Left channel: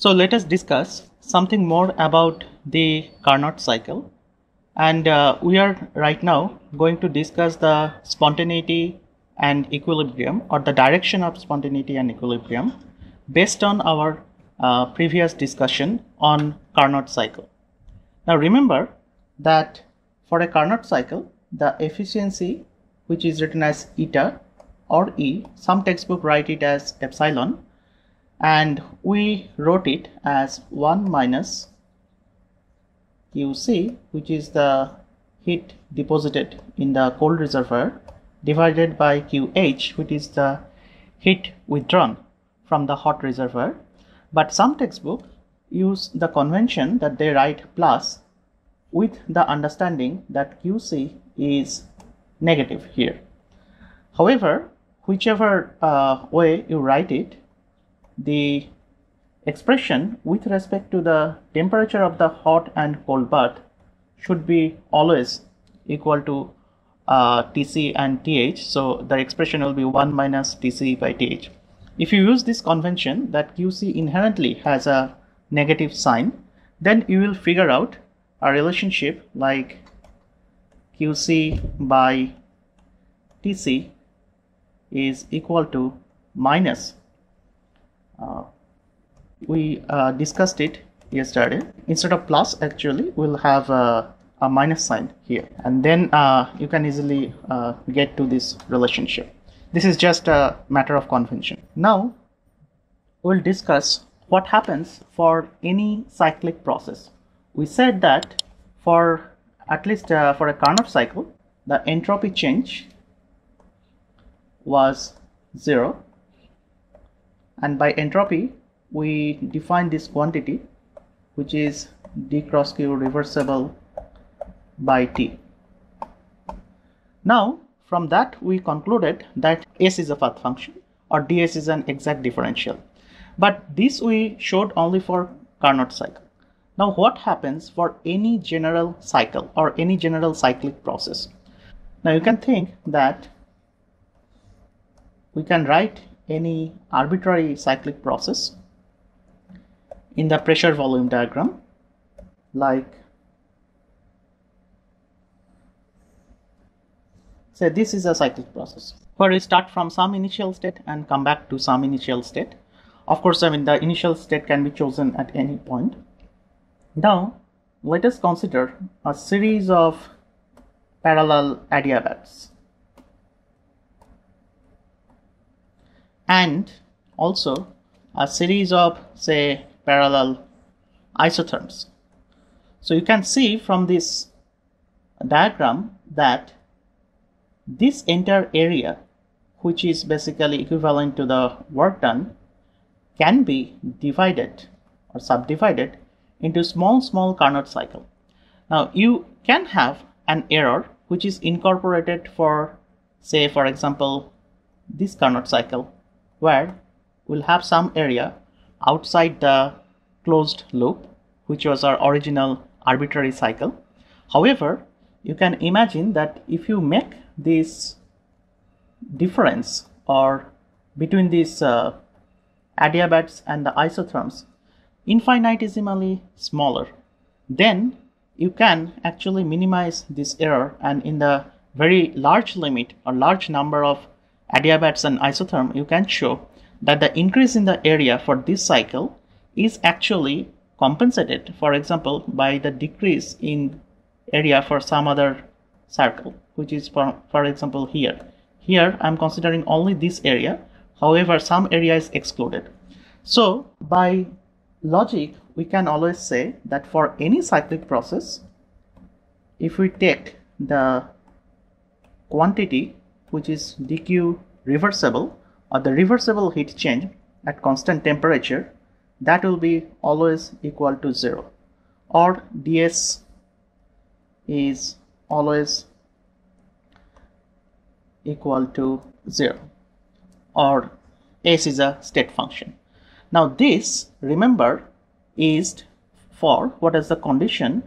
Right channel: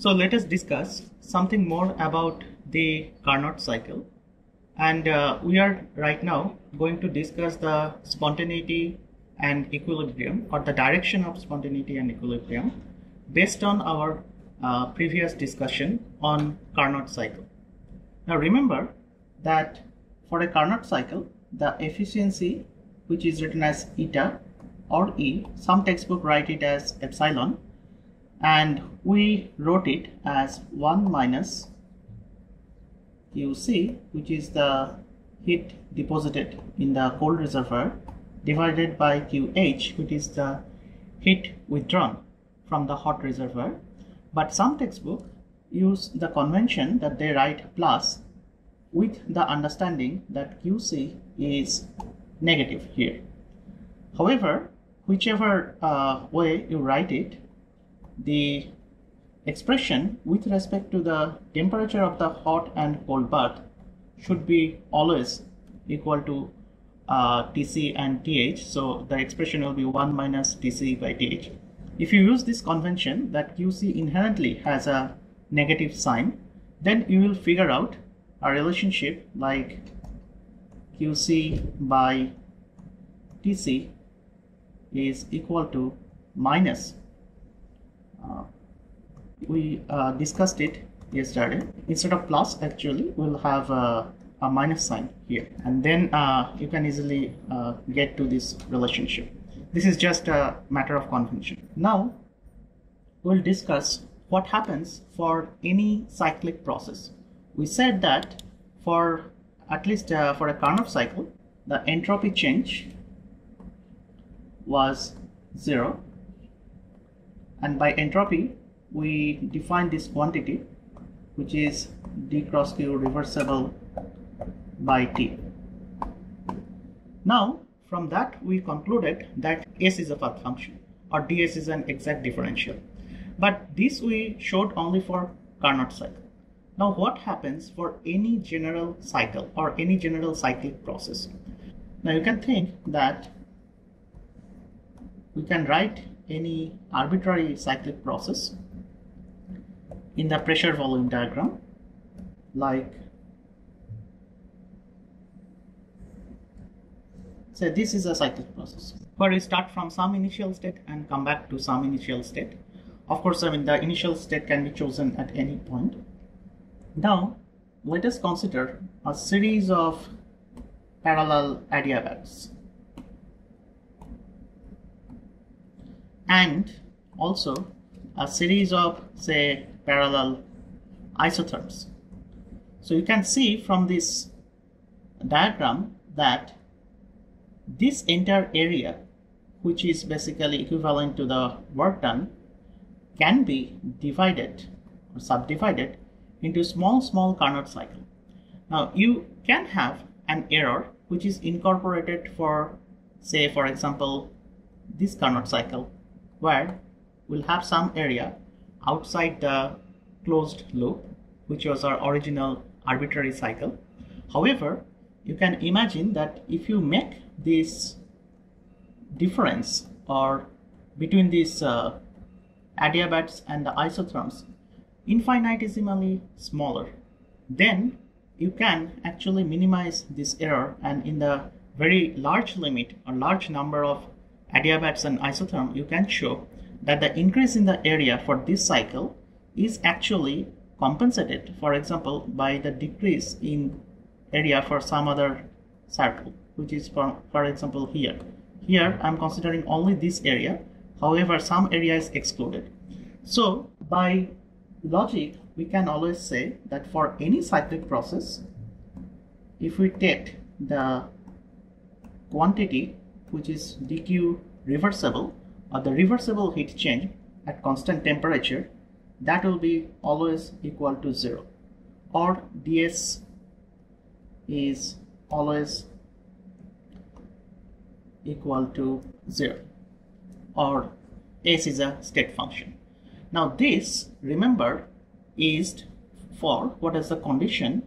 So let us discuss something more about the Carnot cycle, and we are right now going to discuss the spontaneity and equilibrium, or the direction of spontaneity and equilibrium, based on our previous discussion on Carnot cycle. Now remember that for a Carnot cycle, the efficiency, which is written as eta or E, some textbook write it as epsilon, and we wrote it as 1 minus QC, which is the heat deposited in the cold reservoir, divided by QH, which is the heat withdrawn from the hot reservoir. But some textbooks use the convention that they write plus, with the understanding that QC is negative here. However, whichever way you write it, the expression with respect to the temperature of the hot and cold bath should be always equal to Tc and Th. So the expression will be 1 minus Tc by Th. If you use this convention that Qc inherently has a negative sign, then you will figure out a relationship like Qc by Tc is equal to minus. We discussed it yesterday. Instead of plus, actually we'll have a minus sign here, and then you can easily get to this relationship. This is just a matter of convention. Now we'll discuss what happens for any cyclic process. We said that for at least for a Carnot cycle, the entropy change was 0, and by entropy we define this quantity, which is d cross q reversible by T. Now from that we concluded that S is a path function, or ds is an exact differential, but this we showed only for Carnot cycle. Now what happens for any general cycle or any general cyclic process? Now you can think that we can write any arbitrary cyclic process in the pressure volume diagram, like say this is a cyclic process where we start from some initial state and come back to some initial state. Of course, the initial state can be chosen at any point. Now let us consider a series of parallel adiabats and also a series of, say, parallel isotherms. So you can see from this diagram that this entire area, which is basically equivalent to the work done, can be divided or subdivided into small Carnot cycle. Now you can have an error which is incorporated for, say, for example, this Carnot cycle, where we'll have some area outside the closed loop, which was our original arbitrary cycle. However, you can imagine that if you make this difference or between these adiabats and the isotherms infinitesimally smaller, then you can actually minimize this error, and in the very large limit or large number of adiabats and isotherm, you can show that the increase in the area for this cycle is actually compensated, for example, by the decrease in area for some other circle, which is for example here. Here I'm considering only this area, however some area is excluded. So by logic we can always say that for any cyclic process, if we take the quantity which is dq reversible, or the reversible heat change at constant temperature, that will be always equal to 0, or ds is always equal to 0, or S is a state function. Now this, remember, is for what is the condition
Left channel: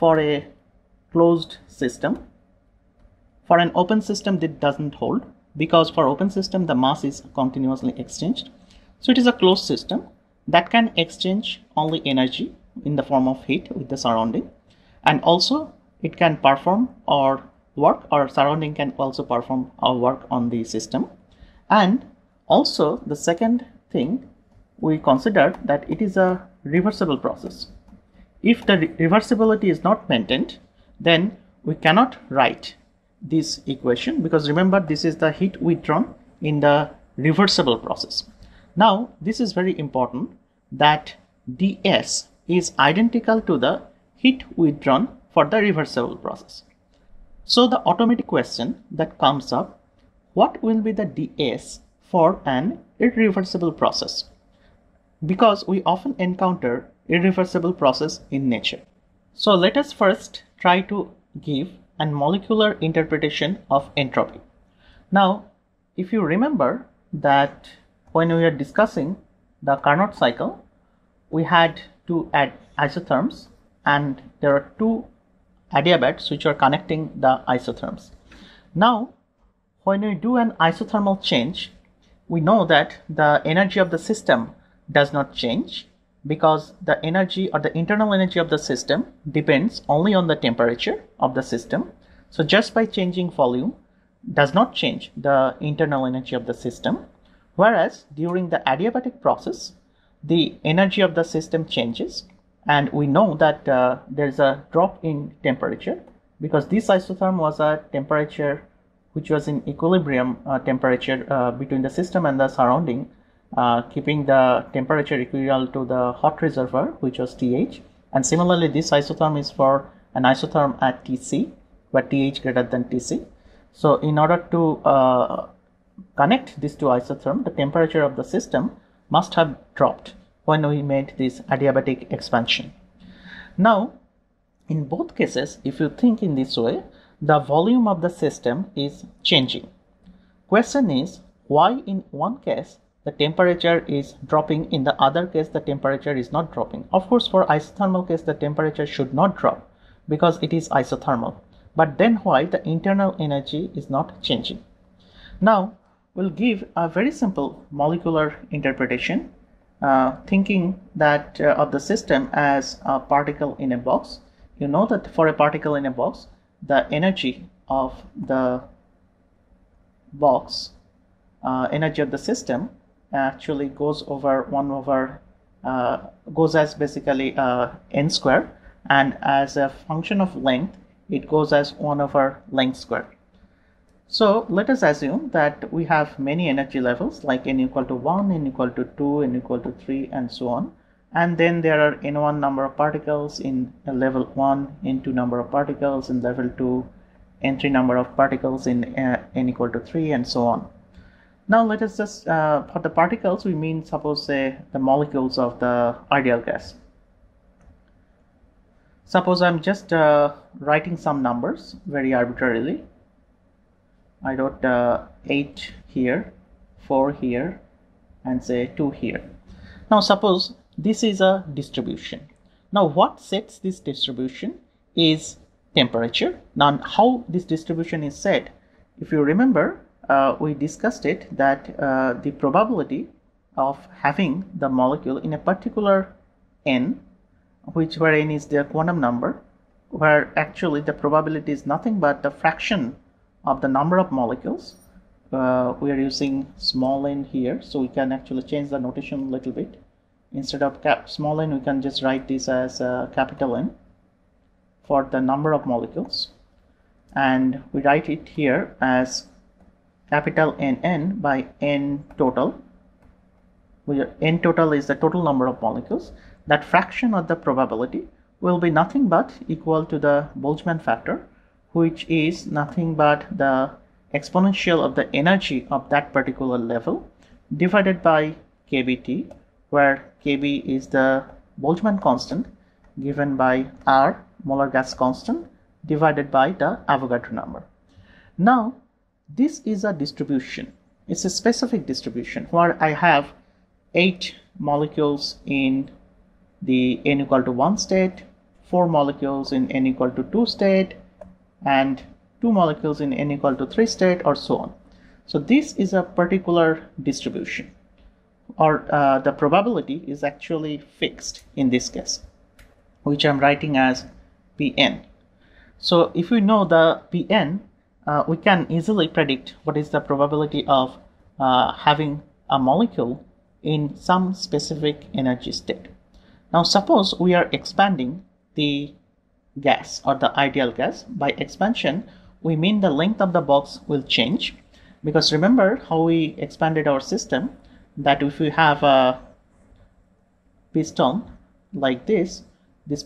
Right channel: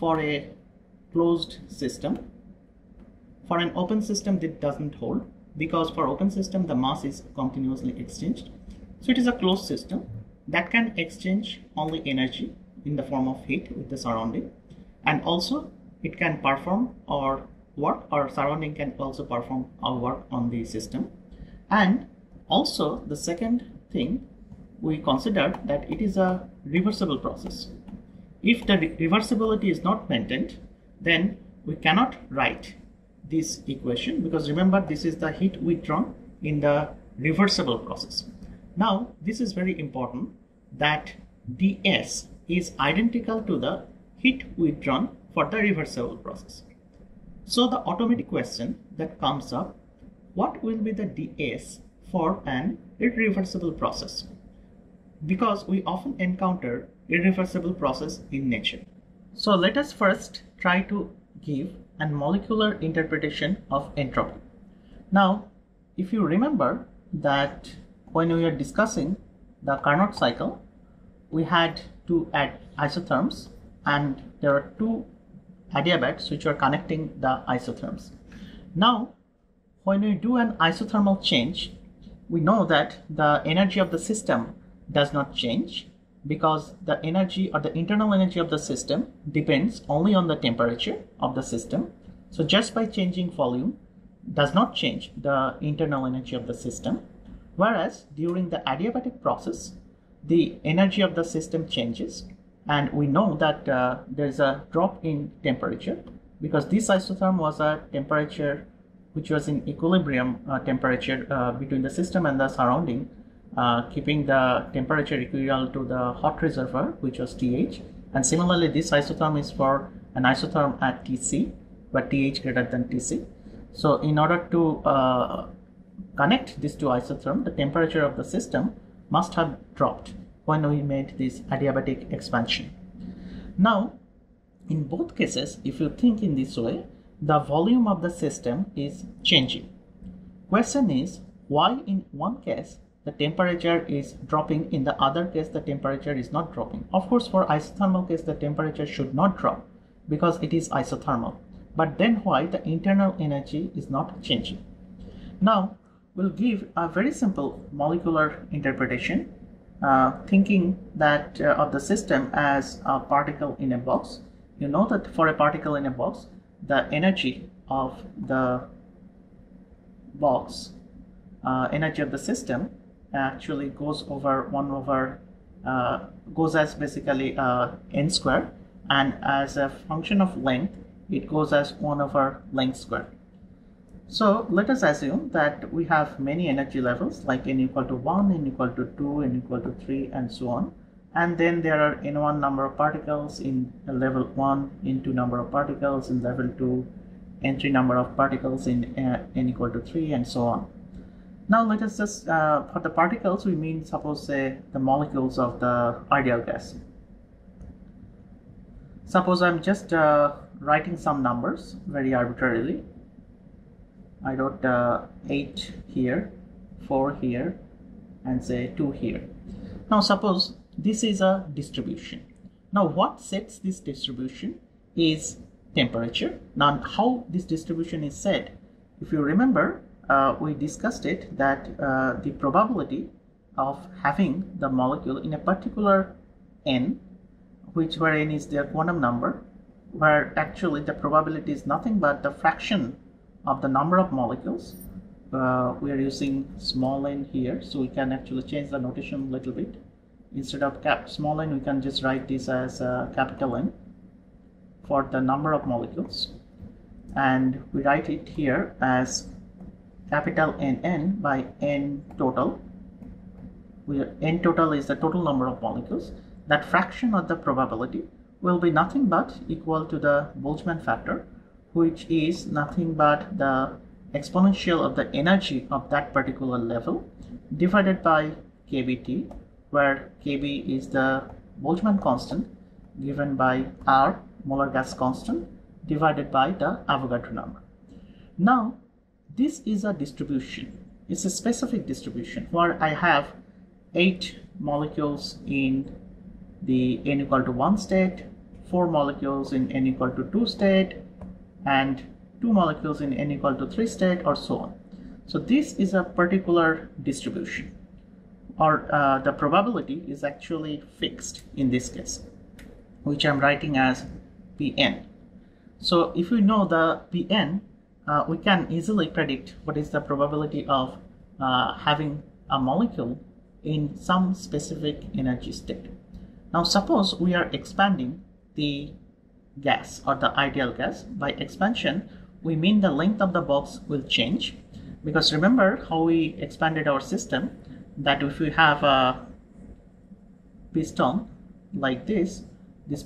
for a closed system. For an open system, this doesn't hold, because for open system the mass is continuously exchanged. So it is a closed system, that can exchange only energy in the form of heat with the surrounding, and also it can perform or work, or surrounding can also perform or work on the system. And also the second thing, we considered that it is a reversible process. If the reversibility is not maintained, then we cannot write this equation, because remember, this is the heat withdrawn in the reversible process. Now this is very important, that ds is identical to the heat withdrawn for the reversible process. So the automatic question that comes up, what will be the ds for an irreversible process? Because we often encounter irreversible process in nature. So let us first try to give a molecular interpretation of entropy. Now, if you remember that when we were discussing the Carnot cycle, we had to add isotherms, and there are two adiabats which are connecting the isotherms. Now, when we do an isothermal change, we know that the energy of the system does not change, because the energy or the internal energy of the system depends only on the temperature of the system. So just by changing volume does not change the internal energy of the system. Whereas during the adiabatic process, the energy of the system changes, and we know that there's a drop in temperature, because this isotherm was a temperature which was in equilibrium temperature between the system and the surrounding, keeping the temperature equal to the hot reservoir, which was TH. And similarly, this isotherm is for an isotherm at TC, where TH greater than TC. So in order to connect these two isotherms, the temperature of the system must have dropped when we made this adiabatic expansion. Now, in both cases, if you think in this way, the volume of the system is changing. Question is, why in one case the temperature is dropping, in the other case the temperature is not dropping? Of course, for isothermal case the temperature should not drop because it is isothermal. But then why the internal energy is not changing? Now we'll give a very simple molecular interpretation, thinking that of the system as a particle in a box. You know that for a particle in a box, the energy of the box, energy of the system actually goes over 1 over goes as basically n square, and as a function of length it goes as 1 over length square. So let us assume that we have many energy levels like n equal to 1, n equal to 2, n equal to 3, and so on. And then there are n1 number of particles in level 1, n2 number of particles in level 2, n3 number of particles in n equal to 3, and so on. Now let us just, for the particles we mean, suppose say the molecules of the ideal gas. Suppose I'm just writing some numbers very arbitrarily. I wrote 8 here, 4 here, and say 2 here. Now suppose this is a distribution. Now what sets this distribution is temperature. Now how this distribution is set, if you remember, we discussed it that the probability of having the molecule in a particular n, where n is their quantum number, where actually the probability is nothing but the fraction of the number of molecules. We are using small n here, so we can actually change the notation a little bit. Instead of small n, we can just write this as capital N for the number of molecules, and we write it here as capital NN by n total, where n total is the total number of molecules. That fraction of the probability will be nothing but equal to the Boltzmann factor, which is nothing but the exponential of the energy of that particular level divided by kBT, where kB is the Boltzmann constant given by R, molar gas constant, divided by the Avogadro number. Now this is a distribution. It's a specific distribution where I have 8 molecules in the n equal to 1 state, 4 molecules in n equal to 2 state, and 2 molecules in n equal to 3 state, or so on. So this is a particular distribution. or the probability is actually fixed in this case, which I'm writing as Pn. So if we know the Pn, we can easily predict what is the probability of having a molecule in some specific energy state. Now suppose we are expanding the gas or the ideal gas. By expansion, we mean the length of the box will change, because remember how we expanded our system, that if we have a piston like this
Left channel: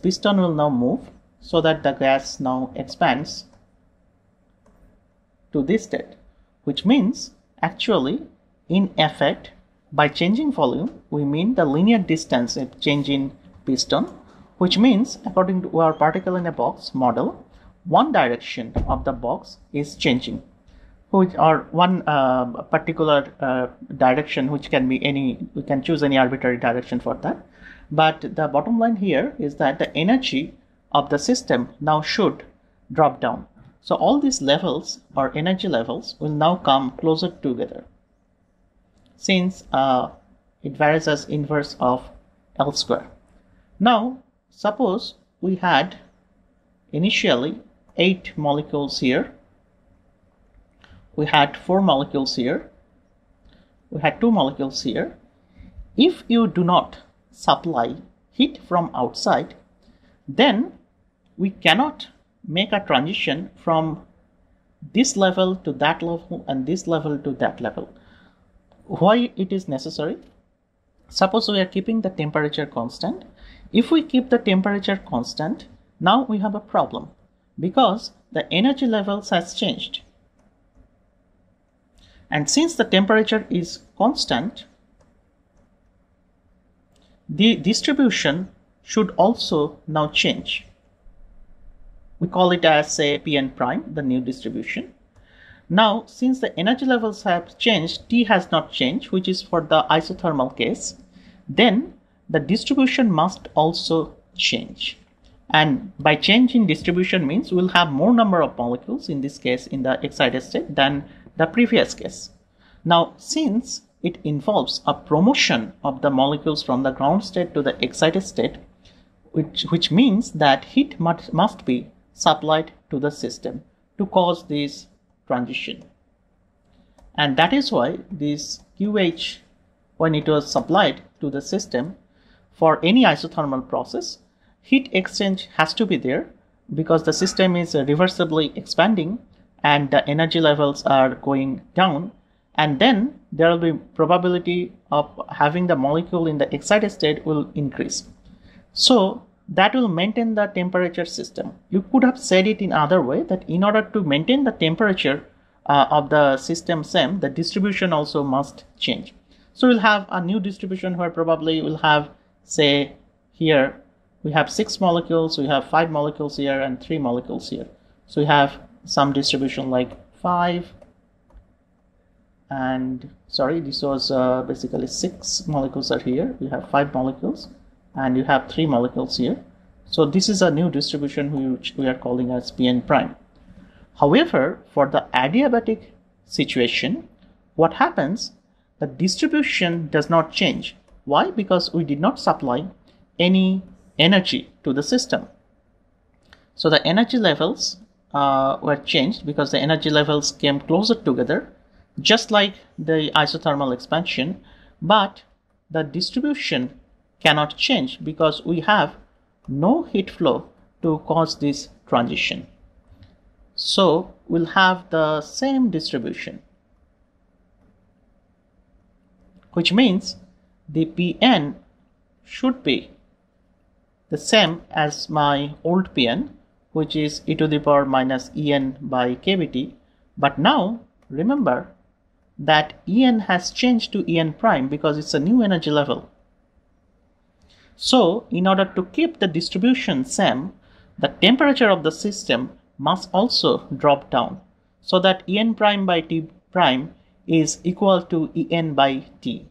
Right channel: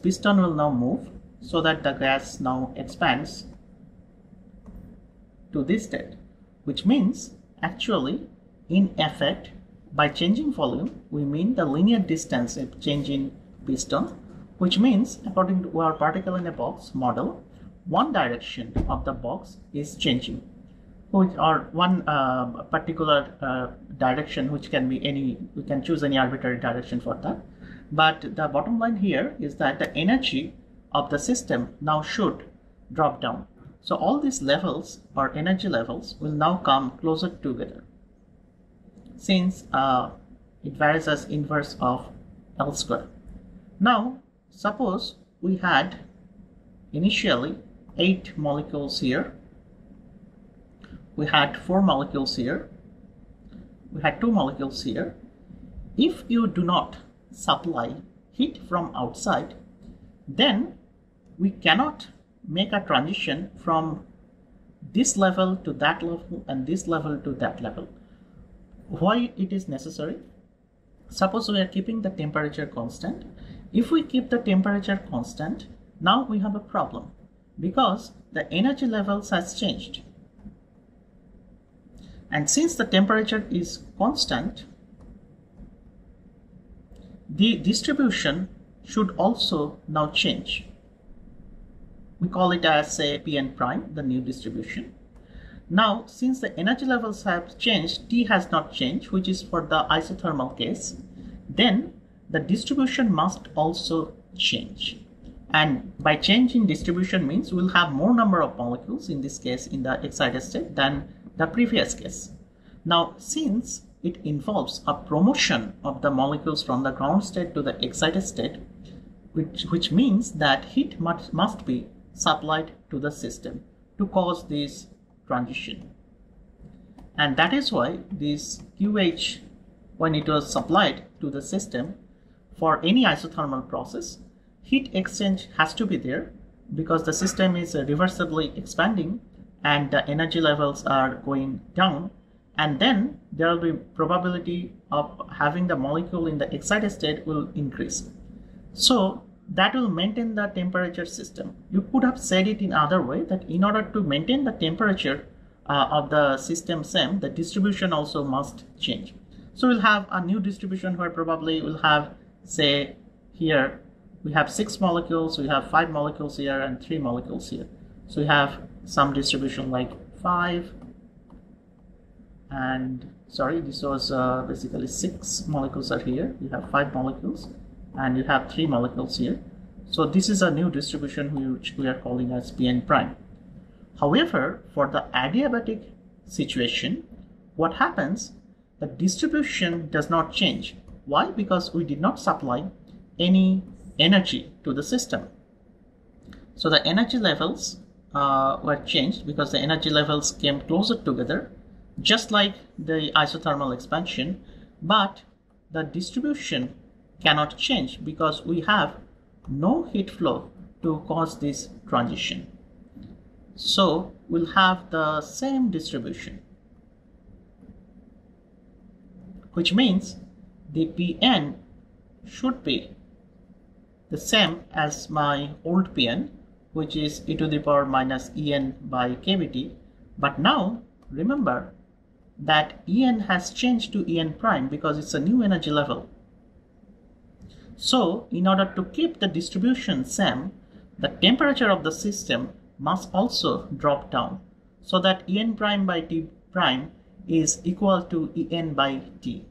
piston will now move so that the gas now expands to this state, which means actually in effect by changing volume we mean the linear distance of change in piston, which means according to our particle in a box model, one direction of the box is changing, which or one particular direction, which can be any, we can choose any arbitrary direction for that. But the bottom line here is that the energy of the system now should drop down. So all these levels or energy levels will now come closer together, since it varies as inverse of L square. Now suppose we had initially 8 molecules here, we had 4 molecules here, we had 2 molecules here. If you do not supply heat from outside, then we cannot make a transition from this level to that level and this level to that level. Why it is necessary? Suppose we are keeping the temperature constant. If we keep the temperature constant, now we have a problem, because the energy levels has changed. And since the temperature is constant, the distribution should also now change. We call it as, say, Pn prime, the new distribution. Now, since the energy levels have changed, T has not changed, which is for the isothermal case, then the distribution must also change. And by changing distribution means we'll have more number of molecules, in this case in the excited state, than the previous case. Now, since it involves a promotion of the molecules from the ground state to the excited state, which means that heat must be supplied to the system to cause this transition. And that is why this QH, when it was supplied to the system for any isothermal process, heat exchange has to be there, because the system is reversibly expanding and the energy levels are going down, and then there will be probability of having the molecule in the excited state will increase. So that will maintain the temperature system. You could have said it in other way, that in order to maintain the temperature of the system same, the distribution also must change. So we'll have a new distribution where probably we'll have, say, here we have 6 molecules, we have 5 molecules here and 3 molecules here. So we have some distribution like 5 and, sorry, this was basically 6 molecules are here. We have 5 molecules and you have 3 molecules here. So this is a new distribution which we are calling as Pn prime. However, for the adiabatic situation, what happens? The distribution does not change. Why? Because we did not supply any energy to the system. So the energy levels were changed because the energy levels came closer together, just like the isothermal expansion, but the distribution cannot change because we have no heat flow to cause this transition. So we'll have the same distribution, which means the Pn should be the same as my old Pn, which is e to the power minus En by kBt. But now remember that En has changed to En prime because it's a new energy level. So in order to keep the distribution same, the temperature of the system must also drop down, so that En prime by T prime is equal to En by T.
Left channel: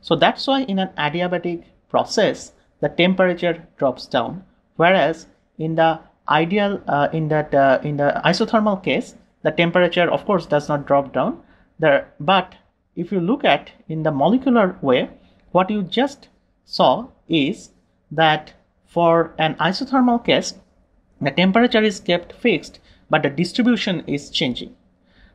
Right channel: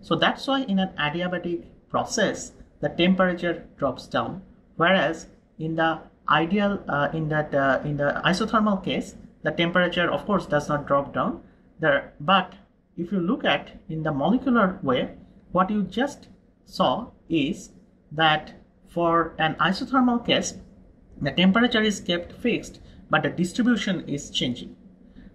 So that's why in an adiabatic process the temperature drops down, whereas in the ideal in the isothermal case the temperature of course does not drop down there. But if you look at in the molecular way, what you just saw is that for an isothermal case, the temperature is kept fixed, but the distribution is changing.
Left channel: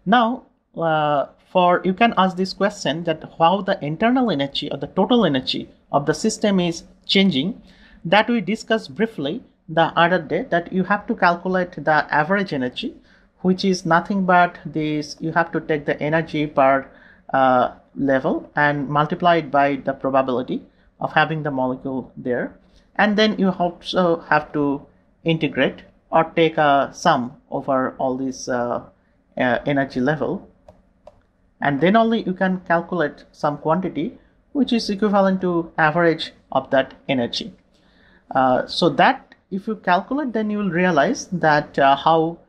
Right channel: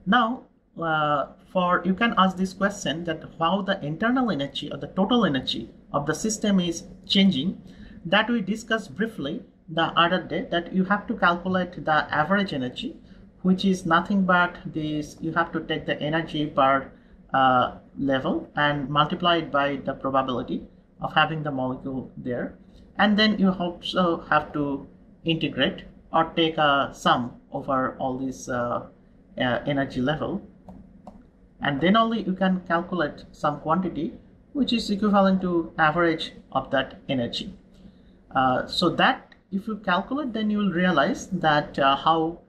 Now, you can ask this question that how the internal energy or the total energy of the system is changing. That we discussed briefly the other day, that you have to calculate the average energy, which is nothing but this. You have to take the energy per level and multiply it by the probability of having the molecule there, and then you also have to integrate or take a sum over all these energy level, and then only you can calculate some quantity which is equivalent to average of that energy. So that if you calculate, then you will realize that how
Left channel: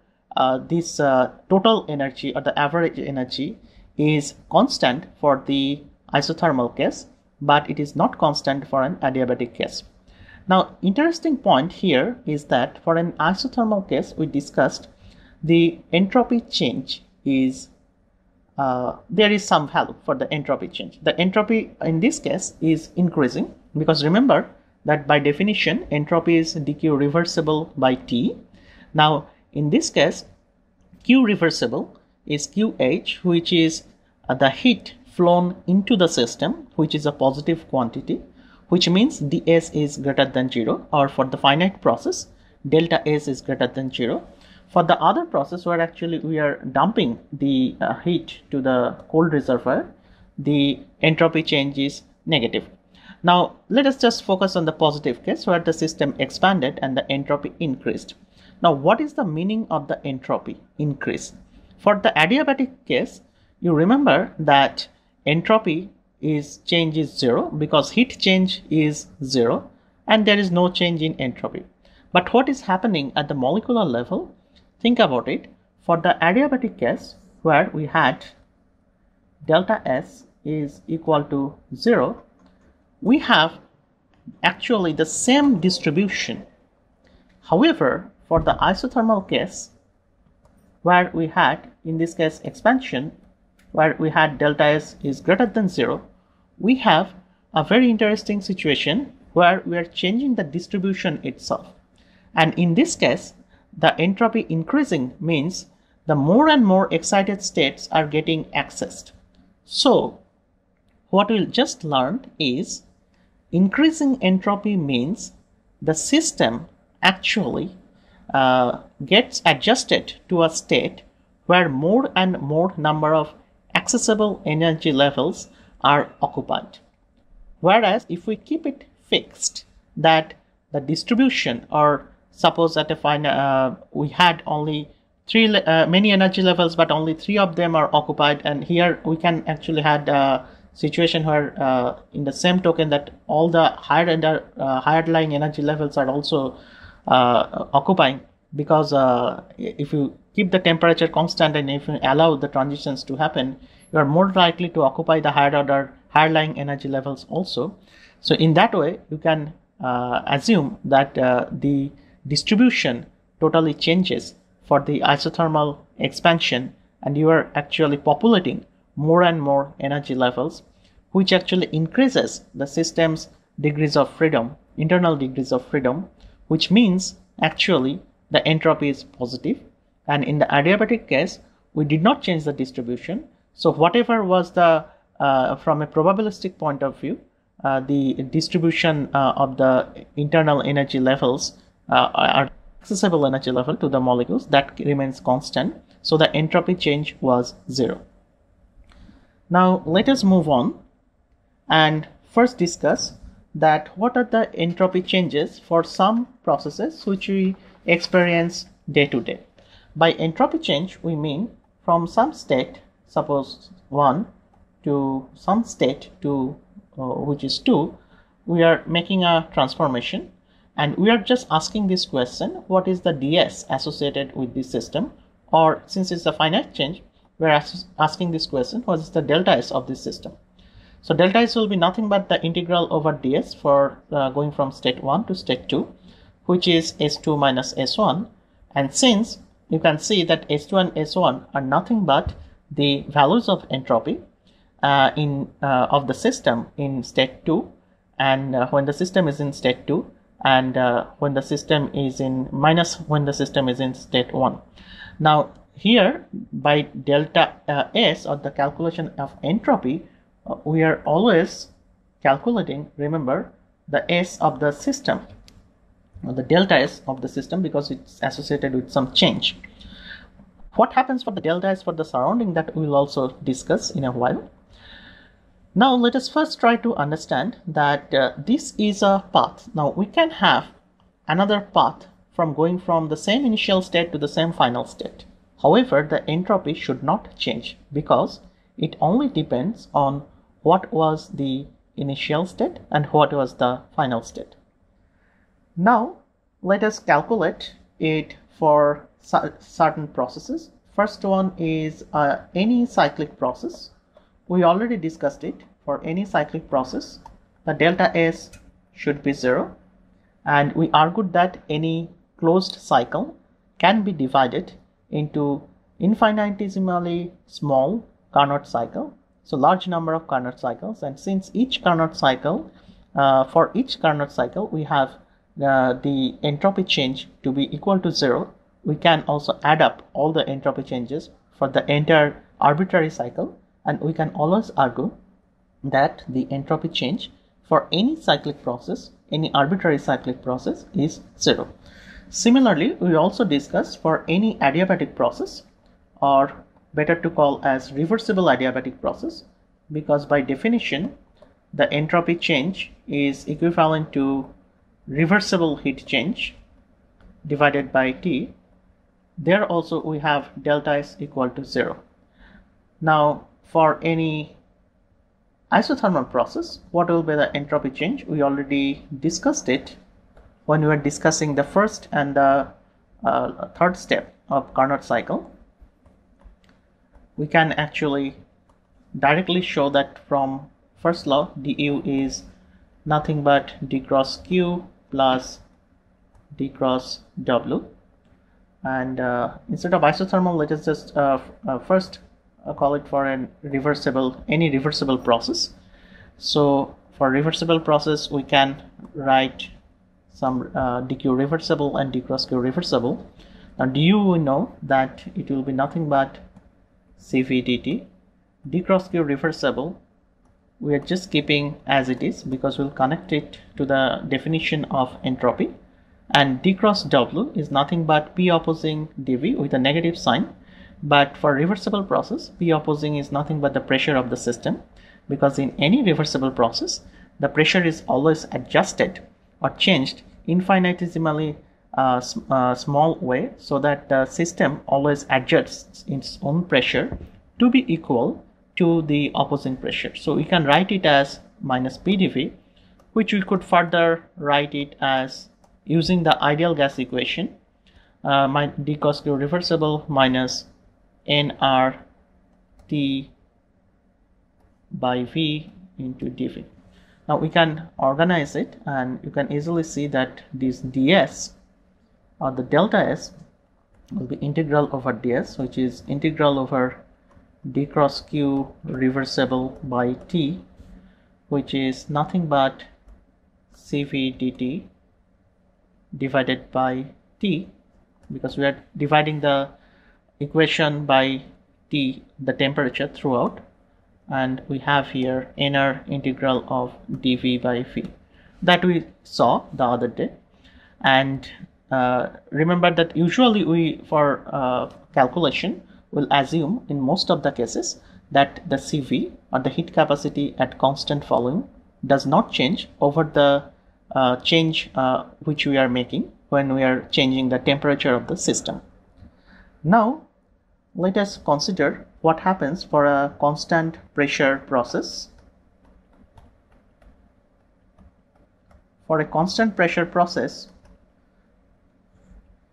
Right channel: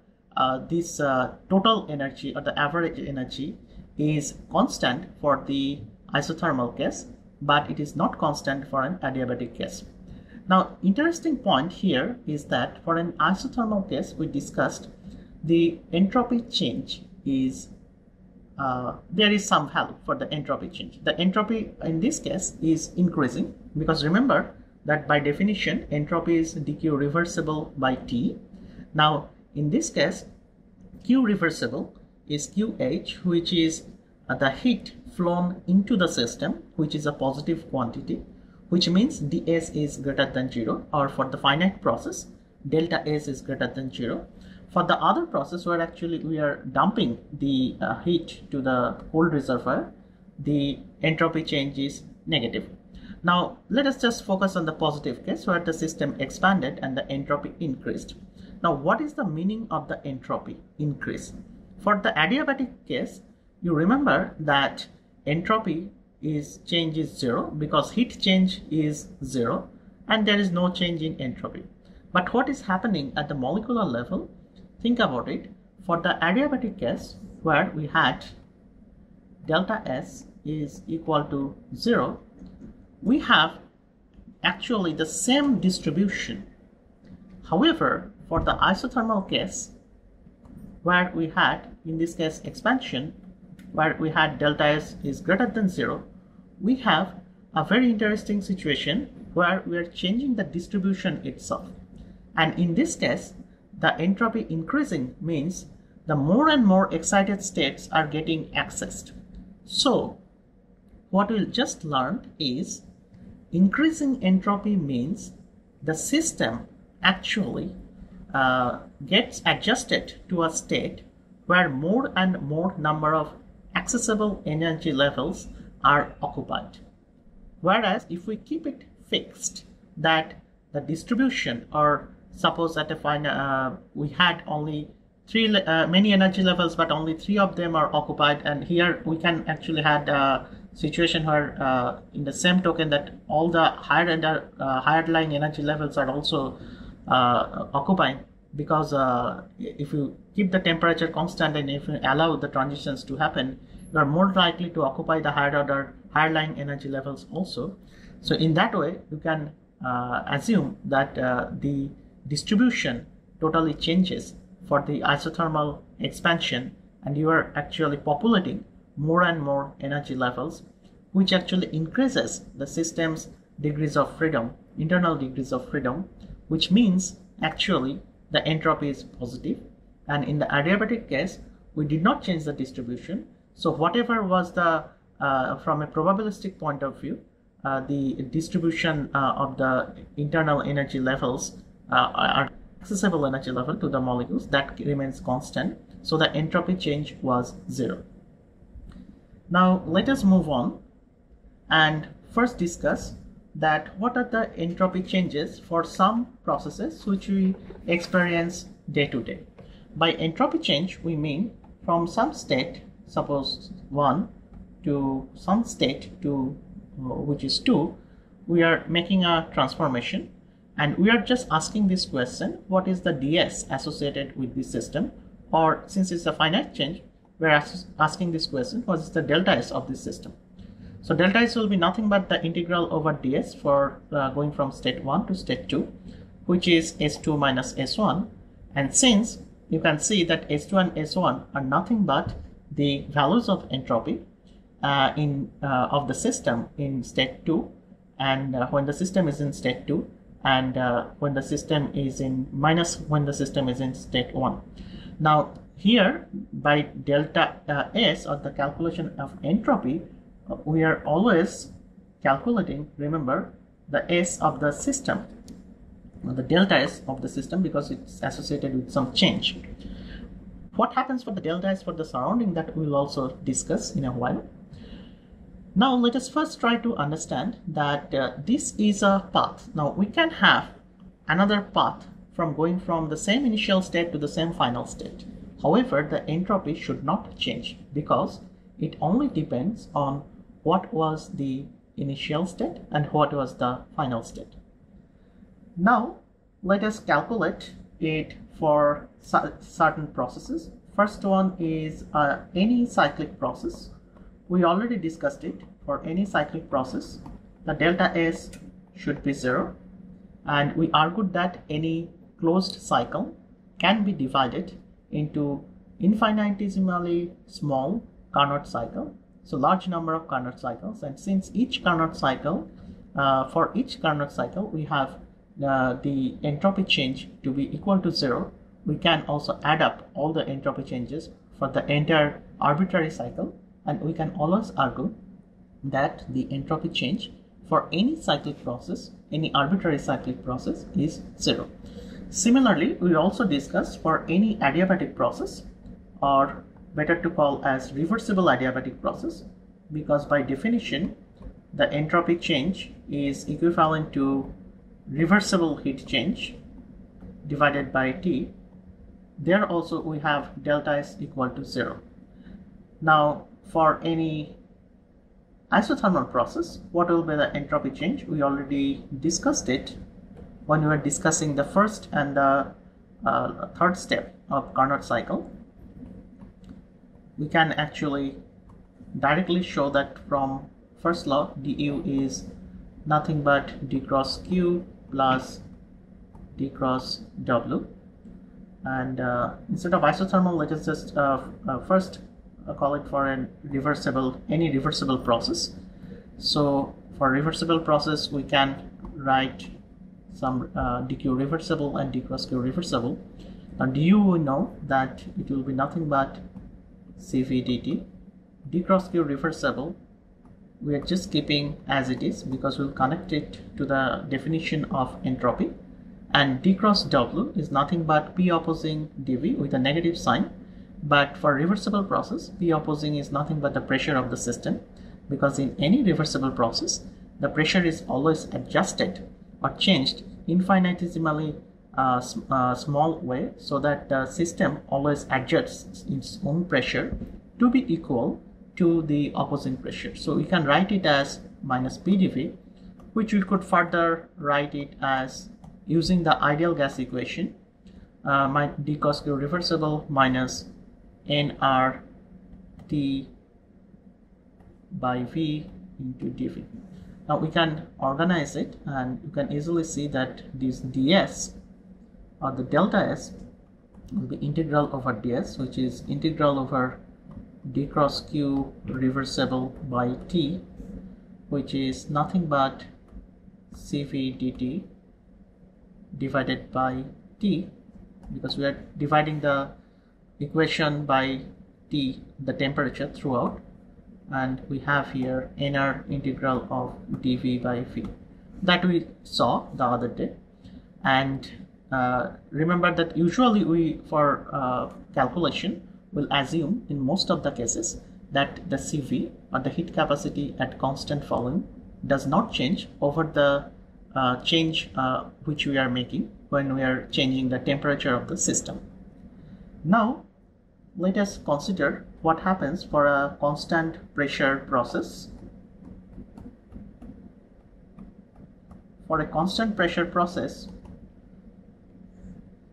this total energy or the average energy is constant for the isothermal case, but it is not constant for an adiabatic case. Now, interesting point here is that for an isothermal case, we discussed the entropy change is there is some value for the entropy change. The entropy in this case is increasing, because remember that by definition entropy is dq reversible by T. Now in this case, Q reversible is QH, which is the heat flown into the system, which is a positive quantity, which means ds is greater than 0, or for the finite process delta S is greater than 0. For the other process where actually we are dumping the heat to the cold reservoir, the entropy change is negative. Now let us just focus on the positive case where the system expanded and the entropy increased. Now what is the meaning of the entropy increase? For the adiabatic case, you remember that entropy change is 0 because heat change is 0 and there is no change in entropy. But what is happening at the molecular level? Think about it. For the adiabatic case where we had delta S is equal to 0, we have actually the same distribution. However, for the isothermal case where we had, in this case, expansion, where we had delta S is greater than 0, we have a very interesting situation where we are changing the distribution itself. And in this case, the entropy increasing means the more and more excited states are getting accessed. So what we just learned is increasing entropy means the system actually gets adjusted to a state where more and more number of accessible energy levels are occupied. Whereas if we keep it fixed, that the distribution, or suppose at a final we had only many energy levels but only 3 of them are occupied, and here we can actually had a situation where in the same token that all the higher lying energy levels are also occupying, because if you keep the temperature constant and if you allow the transitions to happen, you are more likely to occupy the higher lying energy levels also. So in that way you can assume that the distribution totally changes for the isothermal expansion, and you are actually populating more and more energy levels, which actually increases the system's degrees of freedom, internal degrees of freedom, which means actually the entropy is positive. And in the adiabatic case, we did not change the distribution. So whatever was the, from a probabilistic point of view, the distribution of the internal energy levels are accessible energy level to the molecules, that remains constant. So the entropy change was 0. Now let us move on and first discuss that what are the entropy changes for some processes which we experience day to day. By entropy change we mean from some state, suppose 1, to some state to which is 2, we are making a transformation, and we are just asking this question, what is the ds associated with this system? Or since it's a finite change, we are asking this question, what is the delta S of this system? So delta S will be nothing but the integral over ds for going from state 1 to state 2, which is S2 minus S1. And since you can see that S2 and S1 are nothing but the values of entropy, of the system in state 2, and when the system is in state 2, and when the system is in minus when the system is in state 1. Now here by delta S, or the calculation of entropy, we are always calculating, remember, the S of the system, or the delta S of the system, because it's associated with some change. What happens for the delta S for the surrounding, that we will also discuss in a while. Now let us first try to understand that this is a path. Now we can have another path from going from the same initial state to the same final state. However, the entropy should not change, because it only depends on what was the initial state and what was the final state. Now let us calculate it for certain processes. First one is any cyclic process. We already discussed it. For any cyclic process, the delta S should be 0, and we argued that any closed cycle can be divided into infinitesimally small Carnot cycle, so large number of Carnot cycles, and since each Carnot cycle, for each Carnot cycle we have the entropy change to be equal to 0, we can also add up all the entropy changes for the entire arbitrary cycle, and we can always argue that the entropy change for any cyclic process, any arbitrary cyclic process, is 0. Similarly, we also discussed for any adiabatic process, or better to call as reversible adiabatic process, because by definition the entropy change is equivalent to reversible heat change divided by T. There also we have delta S equal to 0. Now for any isothermal process, what will be the entropy change? We already discussed it when we were discussing the first and the third step of Carnot cycle. We can actually directly show that from first law, du is nothing but d cross q plus d cross w, and instead of isothermal, let us just first call it for any reversible process. So for reversible process, we can write some dq reversible and d cross q reversible. Now du, we know that it will be nothing but cv dt. D cross q reversible, we are just keeping as it is because we'll connect it to the definition of entropy, and d cross w is nothing but p opposing dv with a negative sign. But for reversible process, P opposing is nothing but the pressure of the system, because in any reversible process, the pressure is always adjusted or changed infinitesimally small way, so that the system always adjusts its own pressure to be equal to the opposing pressure. So we can write it as minus P dV, which we could further write it as using the ideal gas equation, d cos q reversible minus nRT by V into dV. Now we can organize it, and you can easily see that this ds, or the delta S, will be integral over ds, which is integral over d cross q reversible by T, which is nothing but Cv dt divided by T, because we are dividing the equation by T, the temperature, throughout, and we have here inner integral of dV by V that we saw the other day. And remember that usually we, for calculation, will assume in most of the cases that the Cv, or the heat capacity at constant volume, does not change over the change which we are making when we are changing the temperature of the system. Now let us consider what happens for a constant pressure process. For a constant pressure process,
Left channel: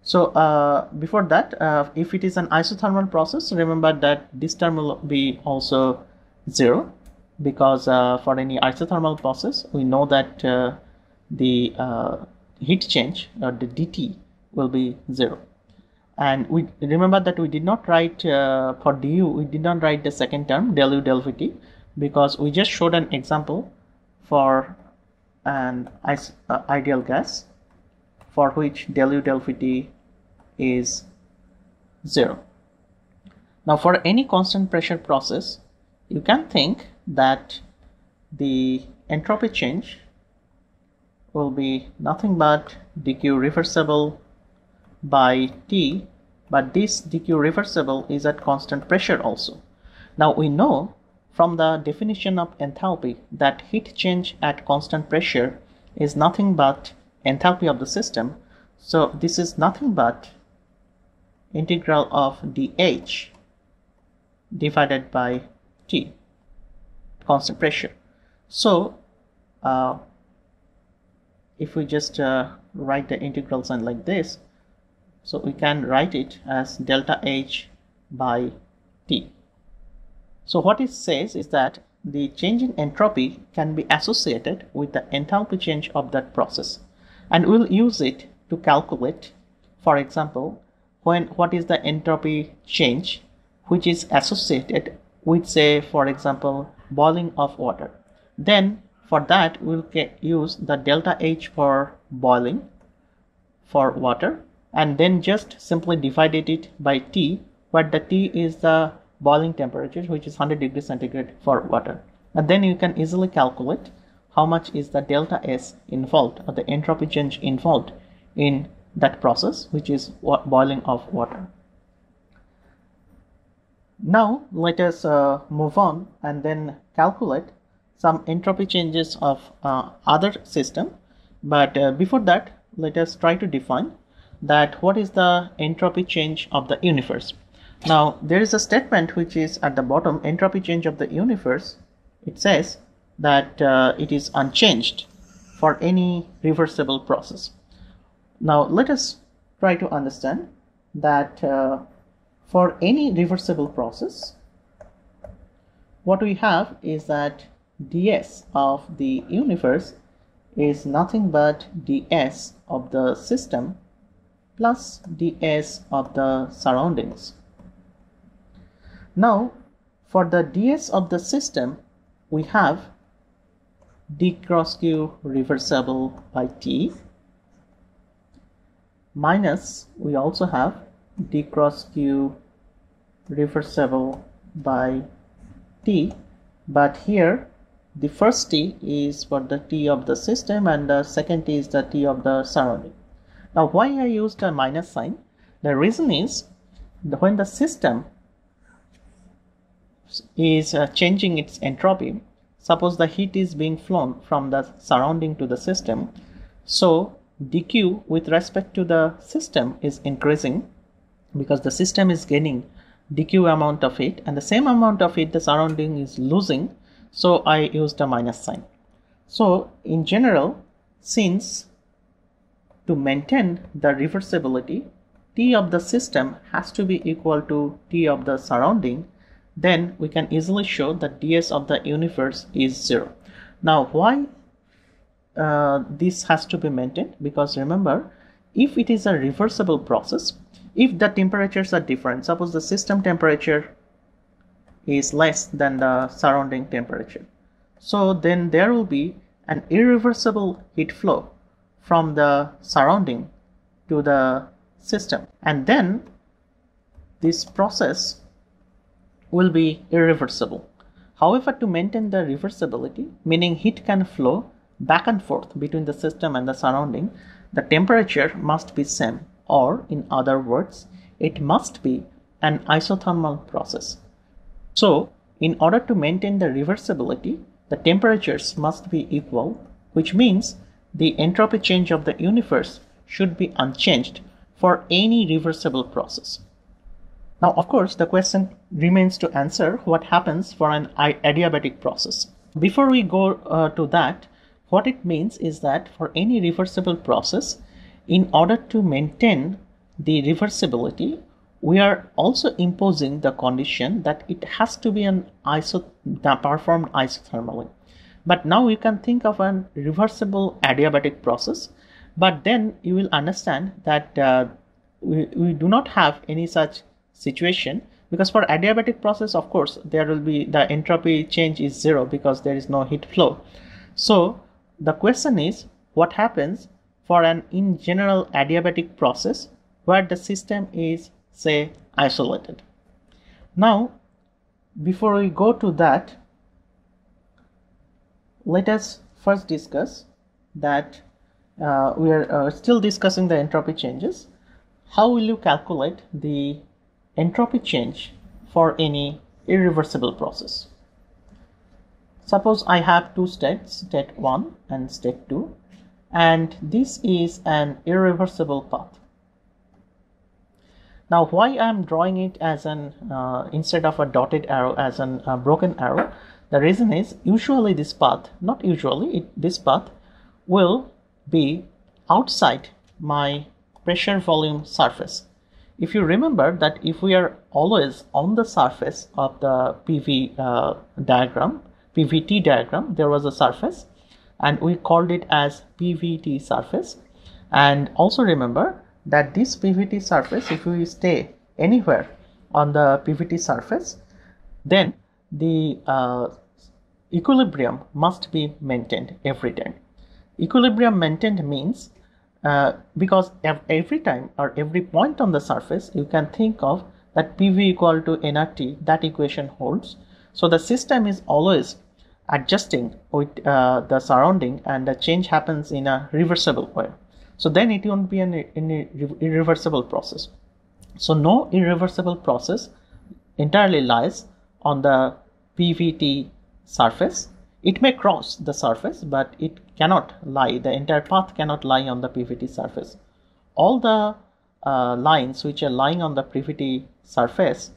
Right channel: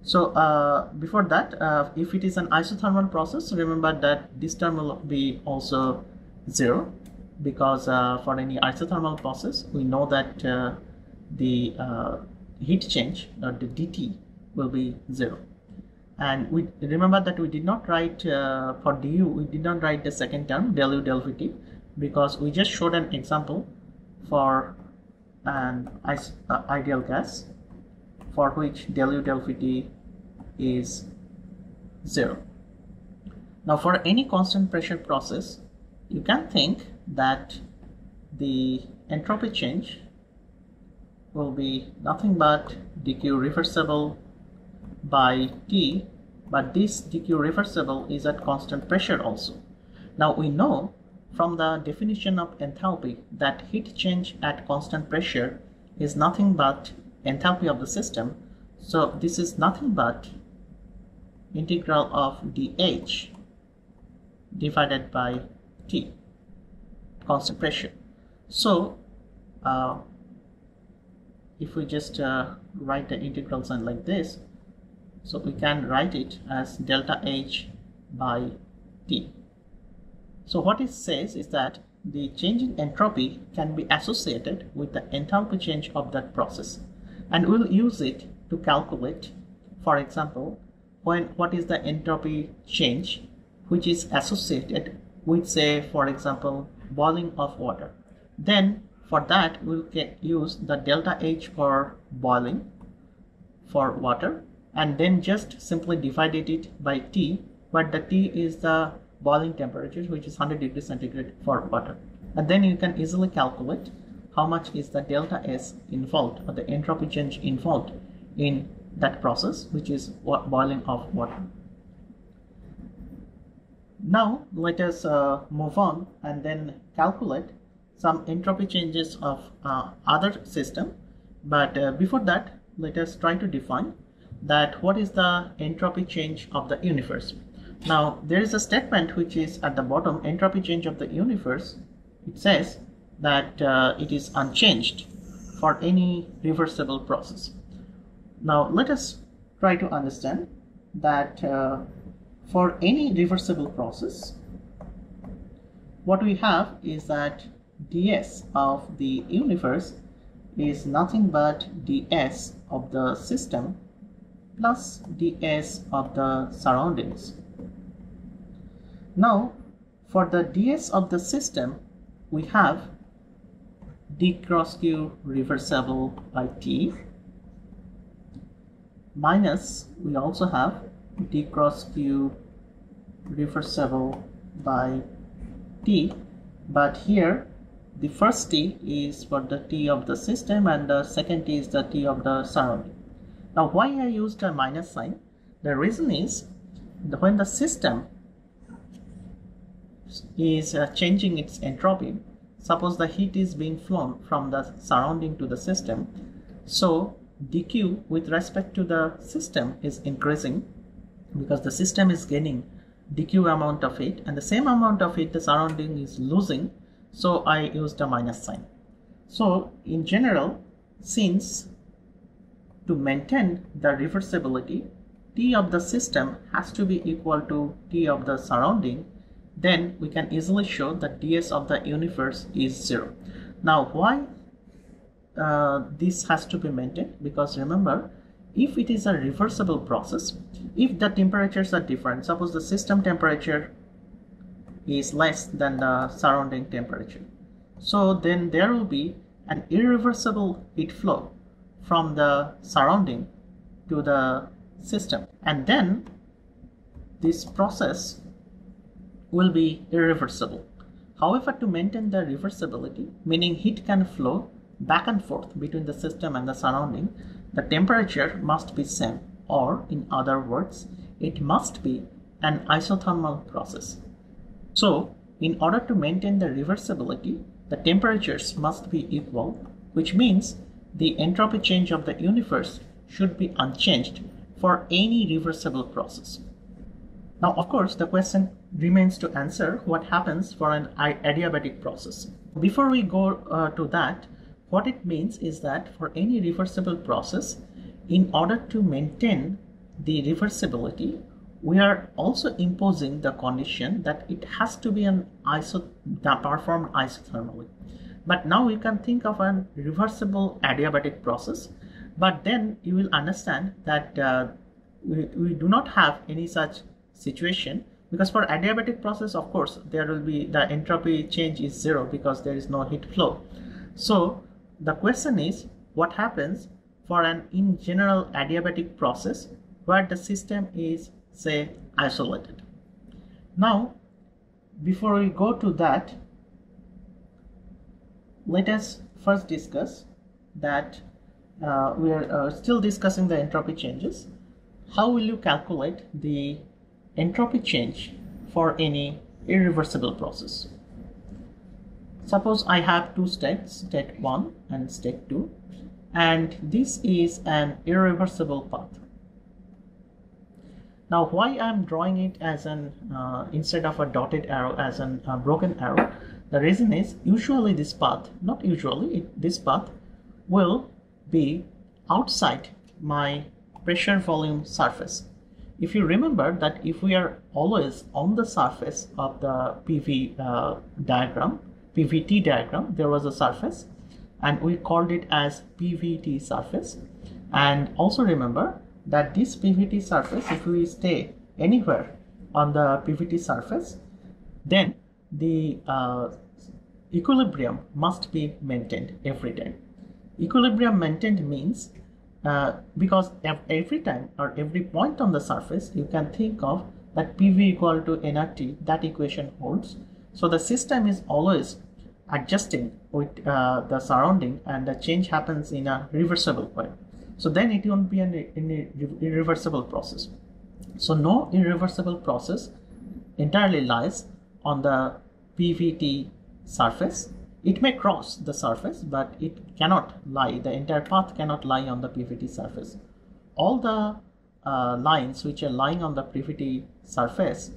so before that, if it is an isothermal process, remember that this term will be also 0, because for any isothermal process, we know that the heat change, or the dt, will be 0. And we remember that we did not write for du, we did not write the second term del u del vt, because we just showed an example for an ideal gas for which del U del Vt is 0. Now for any constant pressure process, you can think that the entropy change will be nothing but dq reversible by T, but this dq reversible is at constant pressure also. Now we know from the definition of enthalpy that heat change at constant pressure is nothing but enthalpy of the system. So this is nothing but integral of dH divided by T, constant pressure. So if we just write the integral sign like this, so we can write it as delta H by T. So what it says is that the change in entropy can be associated with the enthalpy change of that process, and we'll use it to calculate, for example, what is the entropy change which is associated with, say, for example, boiling of water. Then for that we'll use the delta H for boiling for water, and then just simply divided it by T, where the T is the boiling temperature, which is 100 degrees centigrade for water. And then you can easily calculate how much is the delta S involved, or the entropy change involved in that process, which is boiling of water. Now let us move on and then calculate some entropy changes of other system. But before that, let us try to define that what is the entropy change of the universe. Now there is a statement which is at the bottom, entropy change of the universe. It says that it is unchanged for any reversible process. Now let us try to understand that for any reversible process, what we have is that ds of the universe is nothing but ds of the system plus ds of the surroundings. Now for the ds of the system, we have d cross q reversible by T, minus we also have d cross q reversible by T, but here the first T is for the T of the system and the second T is the T of the surrounding. Now why I used a minus sign? The reason is that when the system is changing its entropy, suppose the heat is being flown from the surrounding to the system, so dq with respect to the system is increasing because the system is gaining dq amount of heat, and the same amount of heat the surrounding is losing, so I used a minus sign. So in general, since to maintain the reversibility, T of the system has to be equal to T of the surrounding, then we can easily show that ds of the universe is 0. Now why this has to be maintained? Because remember, if it is a reversible process, if the temperatures are different, suppose the system temperature is less than the surrounding temperature, so then there will be an irreversible heat flow from the surrounding to the system, and then this process will be irreversible. However, to maintain the reversibility, meaning heat can flow back and forth between the system and the surrounding, the temperature must be same, or in other words, it must be an isothermal process. So in order to maintain the reversibility, the temperatures must be equal, which means the entropy change of the universe should be unchanged for any reversible process. Now of course the question remains to answer what happens for an adiabatic process. Before we go to that, what it means is that for any reversible process, in order to maintain the reversibility, we are also imposing the condition that it has to be performed isothermally. But now you can think of a reversible adiabatic process, but then you will understand that we do not have any such situation Because for adiabatic process, of course, there will be the entropy change is 0 because there is no heat flow. So the question is, what happens for an in general adiabatic process where the system is, say, isolated? Now, before we go to that, let us first discuss that we are still discussing the entropy changes. How will you calculate the entropy change for any irreversible process? Suppose I have two states, state 1 and state 2, and this is an irreversible path. Now, why I am drawing it as an instead of a dotted arrow as an broken arrow? The reason is, usually this path, not usually, this path will be outside my pressure volume surface. If you remember that if we are always on the surface of the PVT diagram, there was a surface and we called it as PVT surface. And also remember that this PVT surface, if we stay anywhere on the PVT surface, then the equilibrium must be maintained every time. Equilibrium maintained means because every time or every point on the surface, you can think of that PV equal to nRT, that equation holds. So the system is always adjusting with the surrounding, and the change happens in a reversible way. So then it won't be an irreversible process. So no irreversible process entirely lies on the PVT surface. It may cross the surface, but it cannot lie, the entire path cannot lie on the PVT surface. All the lines which are lying on the PVT surface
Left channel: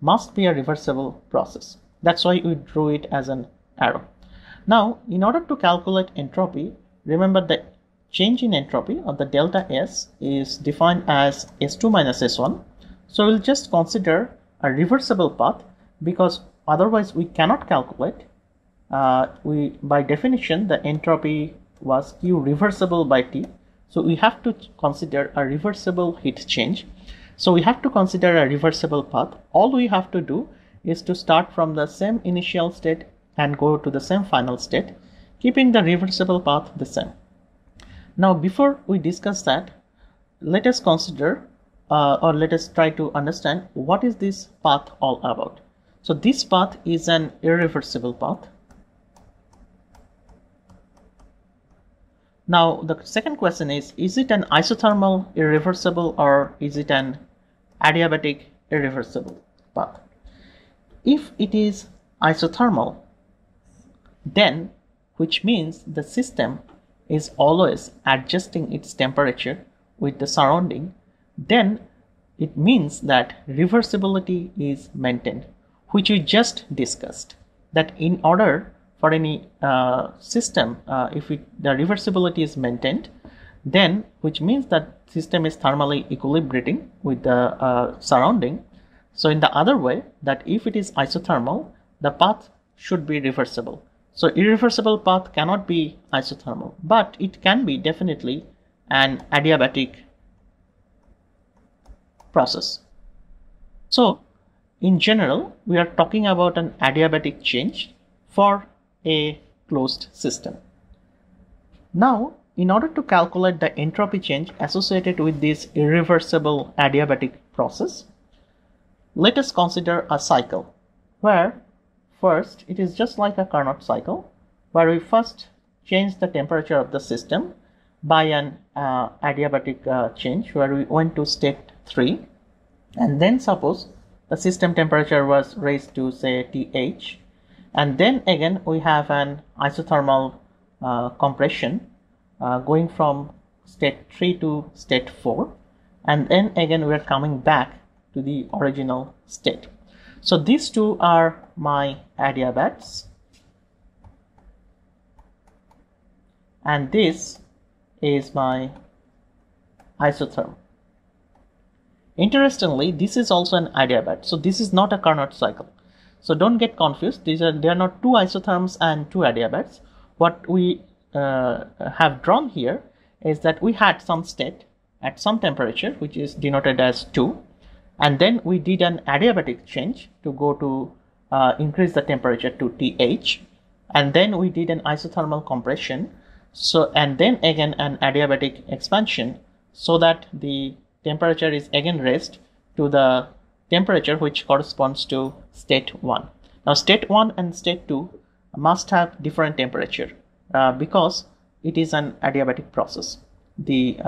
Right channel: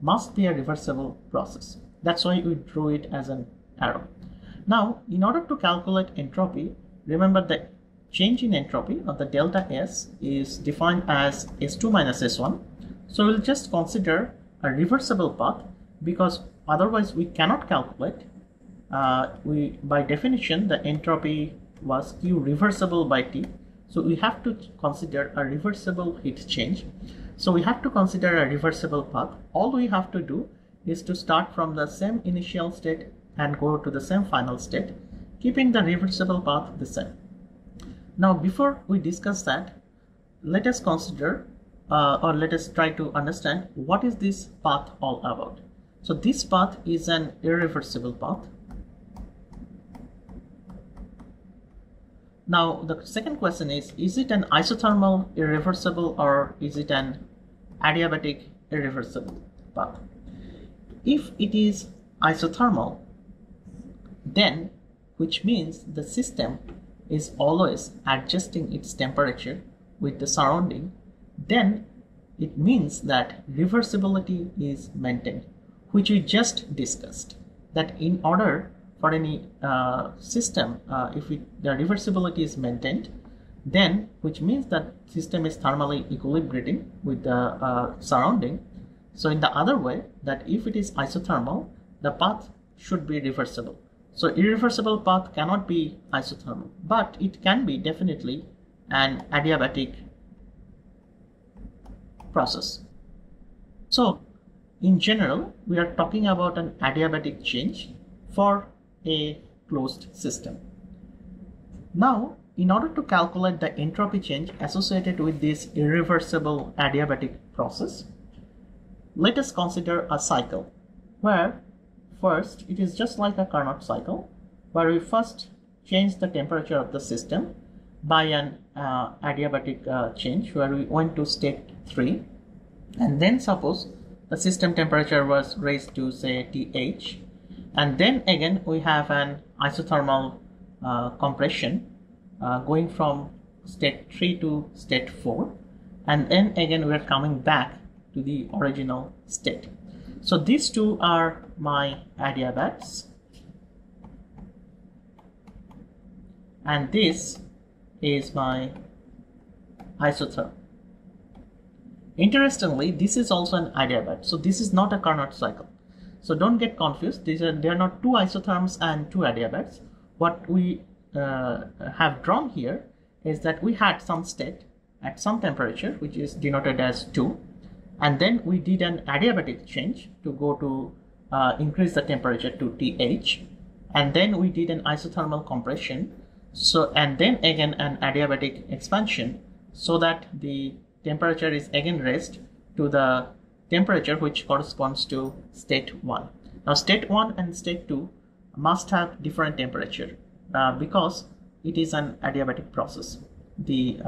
must be a reversible process. That's why we drew it as an arrow. Now, in order to calculate entropy, remember the change in entropy or the delta S is defined as S2 minus S1. So we'll just consider a reversible path, because otherwise we cannot calculate. By definition, the entropy was Q reversible by T. So we have to consider a reversible heat change. So we have to consider a reversible path. All we have to do is to start from the same initial state and go to the same final state, keeping the reversible path the same. Now, before we discuss that, let us consider or let us try to understand what is this path all about. So this path is an irreversible path. Now, the second question is it an isothermal irreversible or is it an adiabatic irreversible path? If it is isothermal, then, which means the system is always adjusting its temperature with the surrounding, then it means that reversibility is maintained, which we just discussed. That in order for any system, if the reversibility is maintained, then which means that system is thermally equilibrating with the surrounding. So in the other way, that if it is isothermal, the path should be reversible. So irreversible path cannot be isothermal, but it can be definitely an adiabatic process. So in general, we are talking about an adiabatic change for a closed system. Now, in order to calculate the entropy change associated with this irreversible adiabatic process, let us consider a cycle where first it is just like a Carnot cycle, where we first change the temperature of the system by an adiabatic change, where we went to state 3, and then suppose the system temperature was raised to say TH, and then again we have an isothermal compression going from state 3 to state 4, and then again we are coming back to the original state. So these two are my adiabats, and this is my isotherm. Interestingly, this is also an adiabat, so this is not a Carnot cycle. So don't get confused. They are not two isotherms and two adiabats. What we have drawn here is that we had some state at some temperature, which is denoted as 2, And then we did an adiabatic change to go to increase the temperature to TH. And then we did an isothermal compression. So, and then again an adiabatic expansion so that the temperature is again raised to the temperature which corresponds to state 1. Now state 1 and state 2 must have different temperature because it is an adiabatic process. The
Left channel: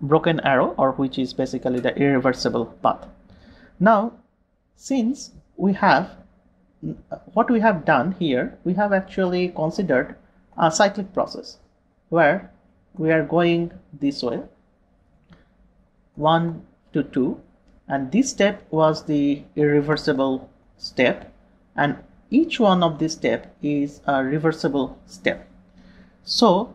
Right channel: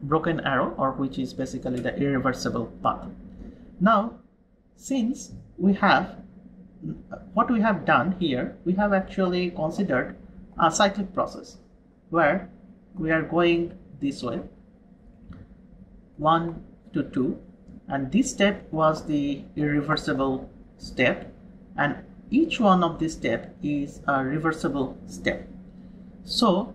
broken arrow, or which is basically the irreversible path. Now, since we have what we have done here, we have actually considered a cyclic process where we are going this way 1 to 2, and this step was the irreversible step, and each one of this step is a reversible step. So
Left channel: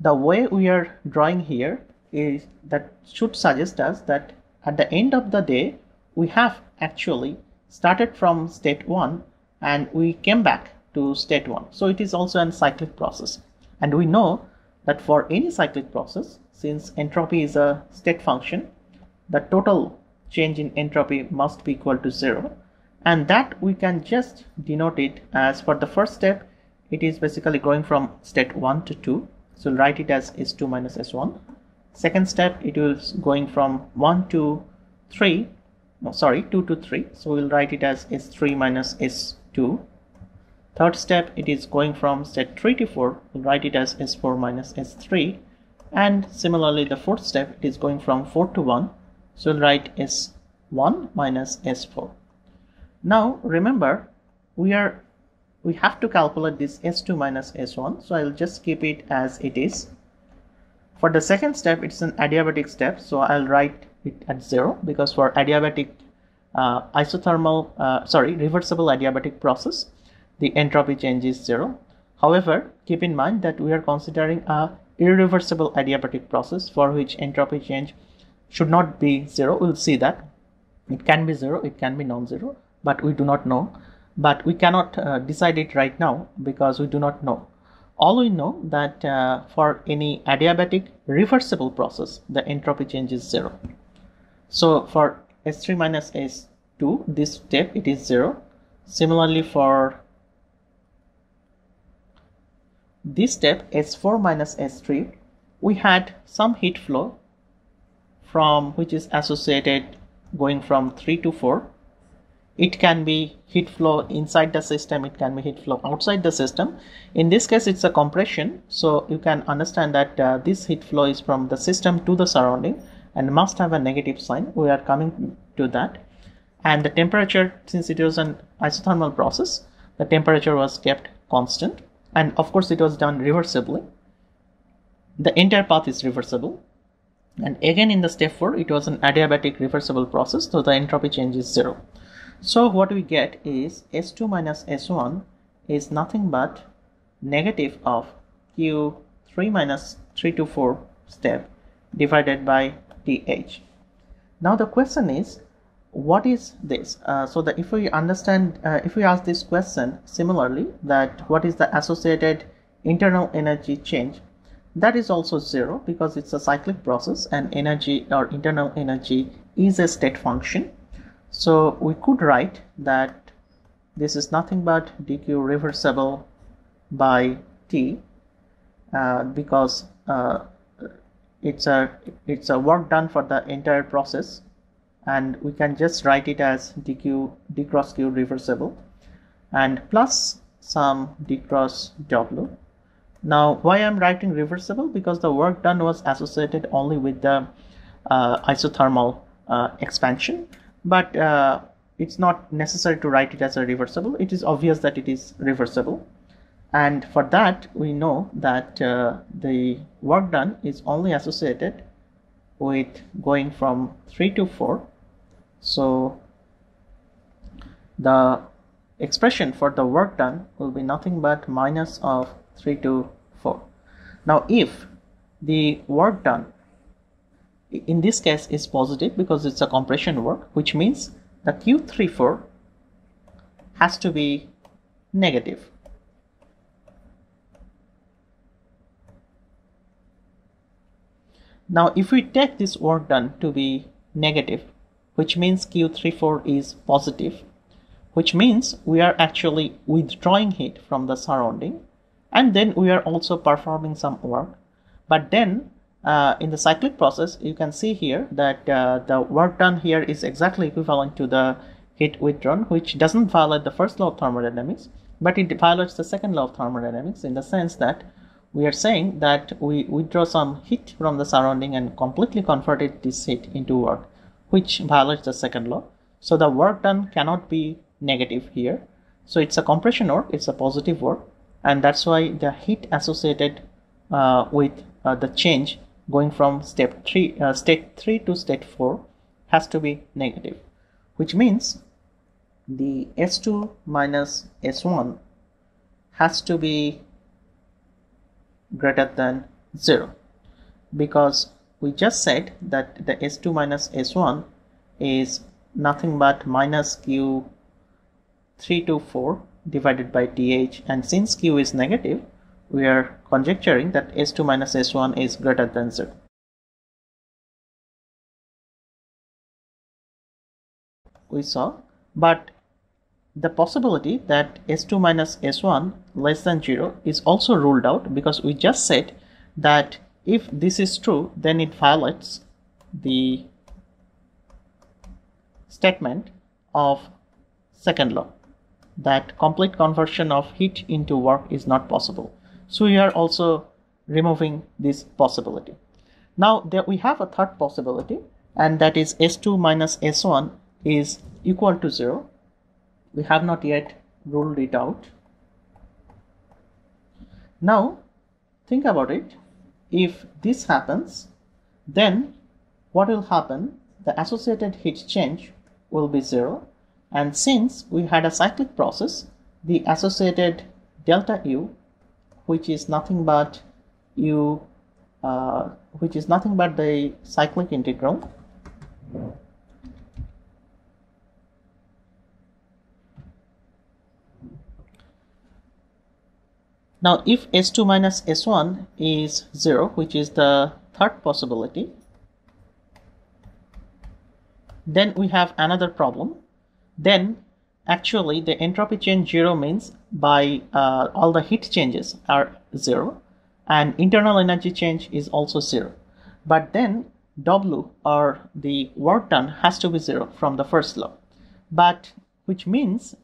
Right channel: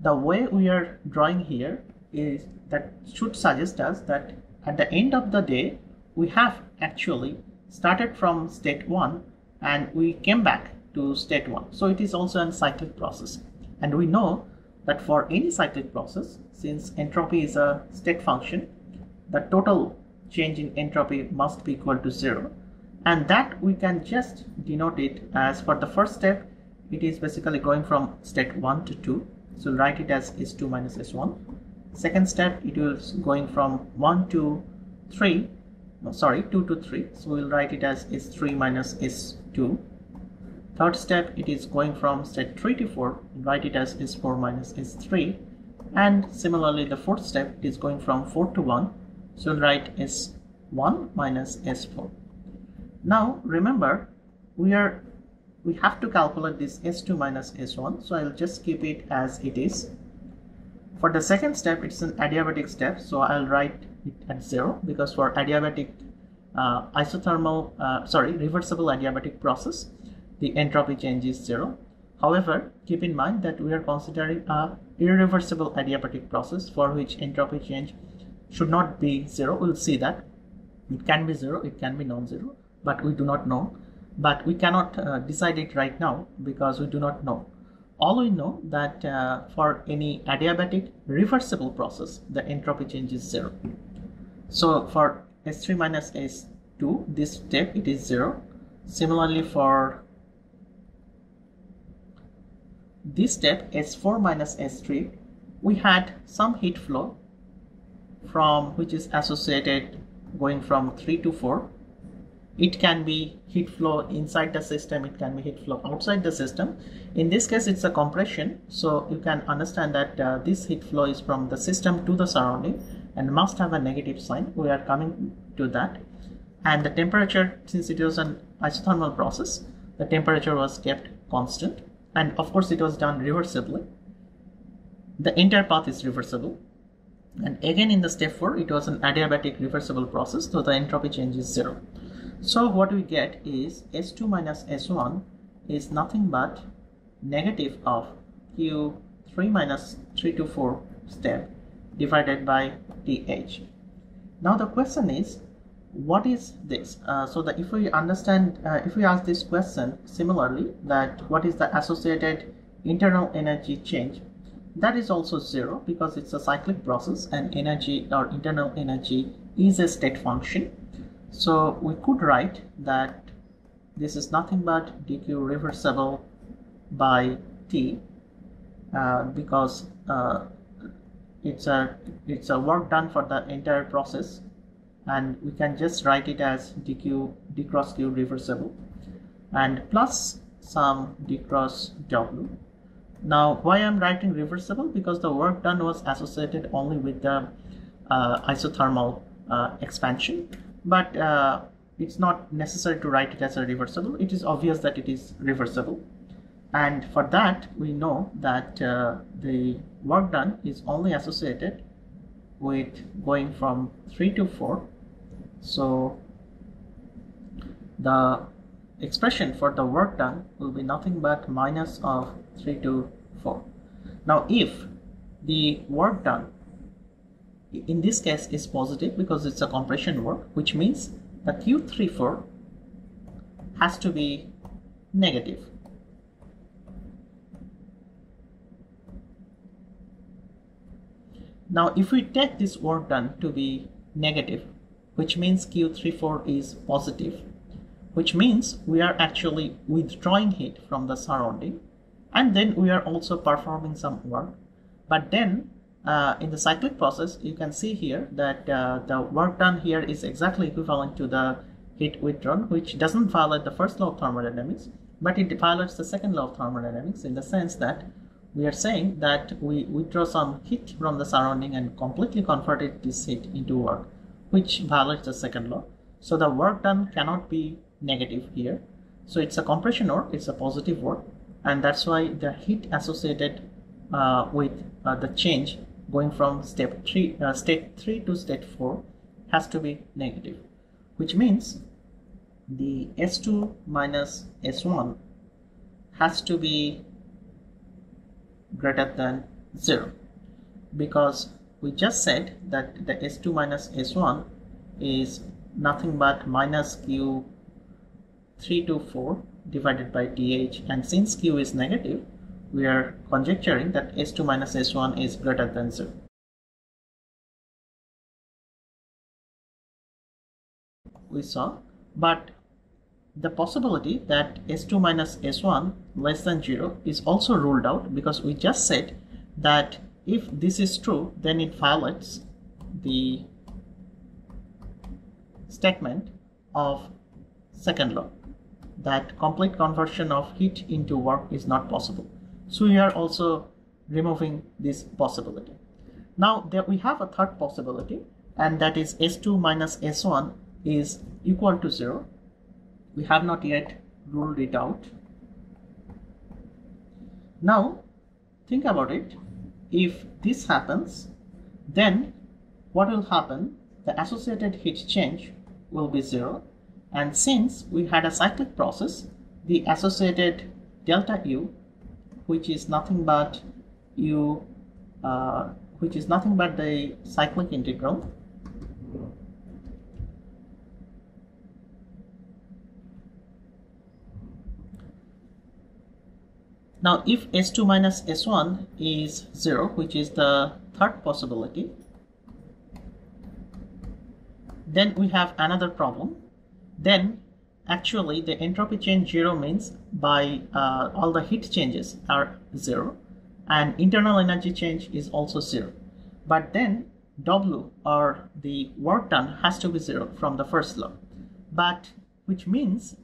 the way we are drawing here is that should suggest us that at the end of the day we have actually started from state 1 and we came back to state 1. So it is also a cyclic process, and we know that for any cyclic process, since entropy is a state function, the total change in entropy must be equal to 0, and that we can just denote it as, for the first step it is basically going from state 1 to 2, so we'll write it as S2 minus S1. Second step, it is going from 1 to 3, 2 to 3, so we'll write it as S3 minus S2. Third step, it is going from state 3 to 4, we'll write it as S4 minus S3. And similarly, the fourth step, it is going from 4 to 1, so we'll write S1 minus S4. Now remember, we have to calculate this S2 minus S1, so I'll just keep it as it is. For the second step, it's an adiabatic step, so I'll write it at 0 because for adiabatic reversible adiabatic process, the entropy change is 0. However, keep in mind that we are considering a irreversible adiabatic process for which entropy change should not be 0. We'll see that it can be 0, it can be non-zero, but we do not know. But we cannot decide it right now because we do not know. All we know that for any adiabatic reversible process, the entropy change is 0. So for S3 minus S2, this step it is 0. Similarly for this step S4 minus S3, we had some heat flow from which is associated going from 3 to 4. It can be heat flow inside the system, it can be heat flow outside the system. In this case, it's a compression, so you can understand that this heat flow is from the system to the surrounding and must have a negative sign. We are coming to that. And the temperature, since it was an isothermal process, the temperature was kept constant, and of course it was done reversibly. The entire path is reversible, and again in the step 4 it was an adiabatic reversible process, so the entropy change is 0. So what we get is S2 minus S1 is nothing but negative of Q3 minus 3 to 4 step divided by TH. Now the question is, what is this? So that if we understand, if we ask this question similarly, that what is the associated internal energy change, that is also 0 because it's a cyclic process and energy or internal energy is a state function. So we could write that this is nothing but dq reversible by T because it's a work done for the entire process, and we can just write it as d cross q reversible and plus some d cross w. Now why I'm writing reversible? Because the work done was associated only with the isothermal expansion, but it's not necessary to write it as a reversible. It is obvious that it is reversible, and for that we know that the work done is only associated with going from 3 to 4. So the expression for the work done will be nothing but minus of 3 to 4. Now if the work done in this case is positive because it's a compression work, which means the Q34 has to be negative. Now if we take this work done to be negative, which means Q34 is positive, which means we are actually withdrawing heat from the surrounding, and then we are also performing some work. But then in the cyclic process, you can see here that the work done here is exactly equivalent to the heat withdrawn, which doesn't violate the first law of thermodynamics, but it violates the second law of thermodynamics in the sense that we are saying that we withdraw some heat from the surrounding and completely converted this heat into work, which violates the second law. So the work done cannot be negative here. So it's a compression work, it's a positive work, and that's why the heat associated with the change going from state 3 to state 4 has to be negative, which means the S2 minus S1 has to be greater than 0, because we just said that the S2 minus S1 is nothing but minus Q3 to 4 divided by dH, and since Q is negative, we are conjecturing that S2 minus S1 is greater than 0. We saw, but the possibility that S2 minus S1 less than 0 is also ruled out, because we just said that if this is true, then it violates the statement of second law, that complete conversion of heat into work is not possible. So we are also removing this possibility. Now there we have a third possibility, and that is S2 minus S1 is equal to 0. We have not yet ruled it out. Now think about it. If this happens, then what will happen? The associated heat change will be 0, and since we had a cyclic process, the associated delta U, which is nothing but U, which is nothing but the cyclic integral Now if S2 minus S1 is 0, which is the third possibility, then we have another problem. Then actually the entropy change 0 means by all the heat changes are 0, and internal energy change is also 0. But then W, or the work done, has to be 0 from the first law. But which means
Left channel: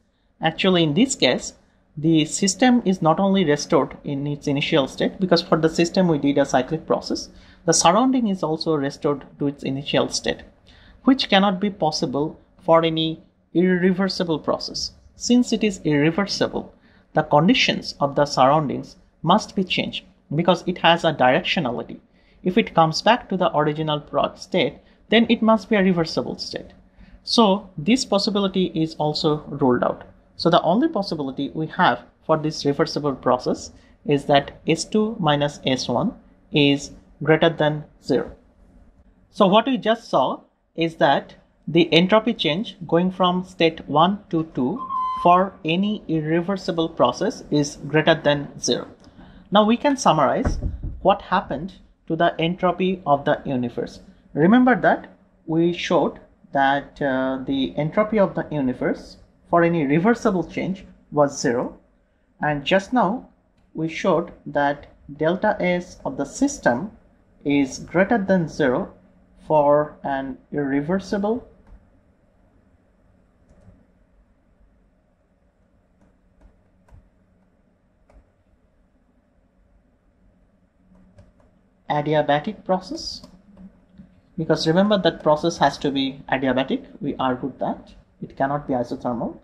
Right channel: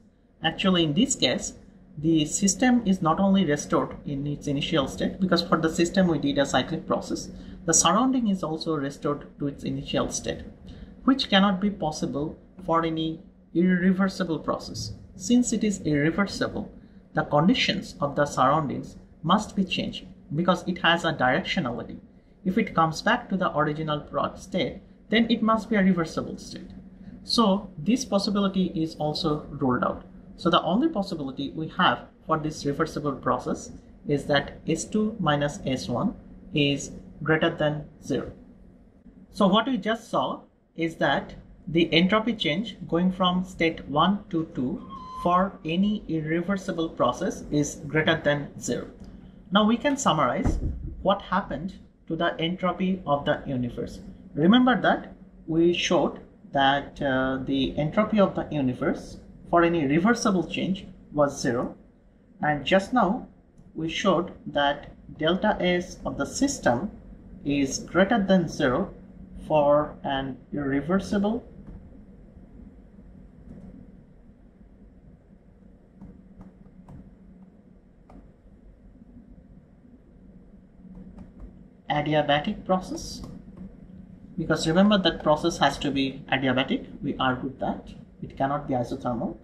actually in this case the system is not only restored in its initial state, because for the system we did a cyclic process, the surrounding is also restored to its initial state, which cannot be possible for any irreversible process. Since it is irreversible, the conditions of the surroundings must be changed because it has a directionality. If it comes back to the original state, then it must be a reversible state. So this possibility is also ruled out. So the only possibility we have for this reversible process is that S2 minus S1 is greater than 0. So what we just saw is that the entropy change going from state 1 to 2 for any irreversible process is greater than 0. Now we can summarize what happened to the entropy of the universe. Remember that we showed that the entropy of the universe for any reversible change was 0, and just now we showed that delta S of the system is greater than 0 for an irreversible adiabatic process, because remember that process has to be adiabatic. We argued that it cannot be isothermal,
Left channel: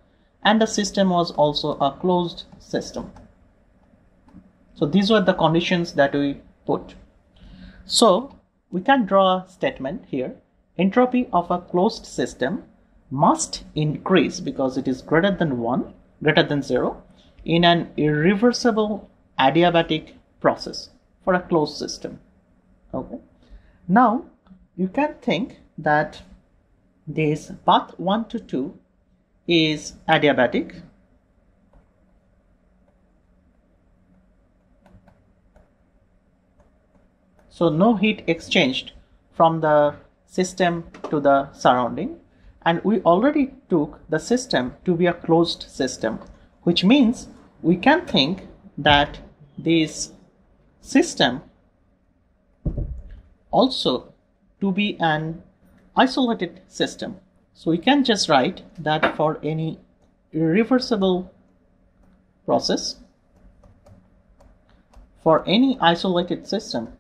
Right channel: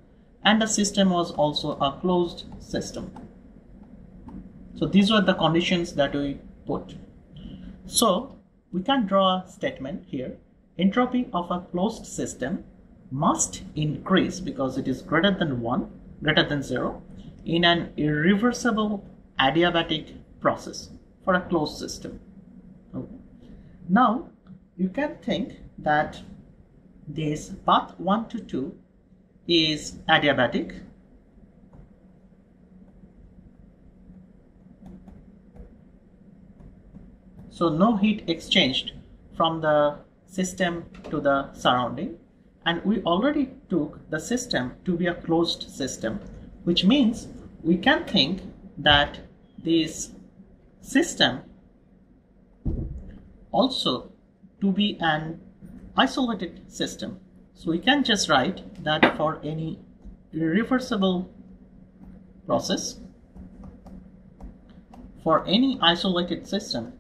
and the system was also a closed system. So these were the conditions that we put. So we can draw a statement here: entropy of a closed system must increase because it is greater than 0 in an irreversible adiabatic process for a closed system. Okay. Now you can think that this path 1 to 2 is adiabatic, so no heat exchanged from the system to the surrounding, and we already took the system to be a closed system, which means we can think that this system also to be an isolated system. So we can just write that for any irreversible process, for any isolated system,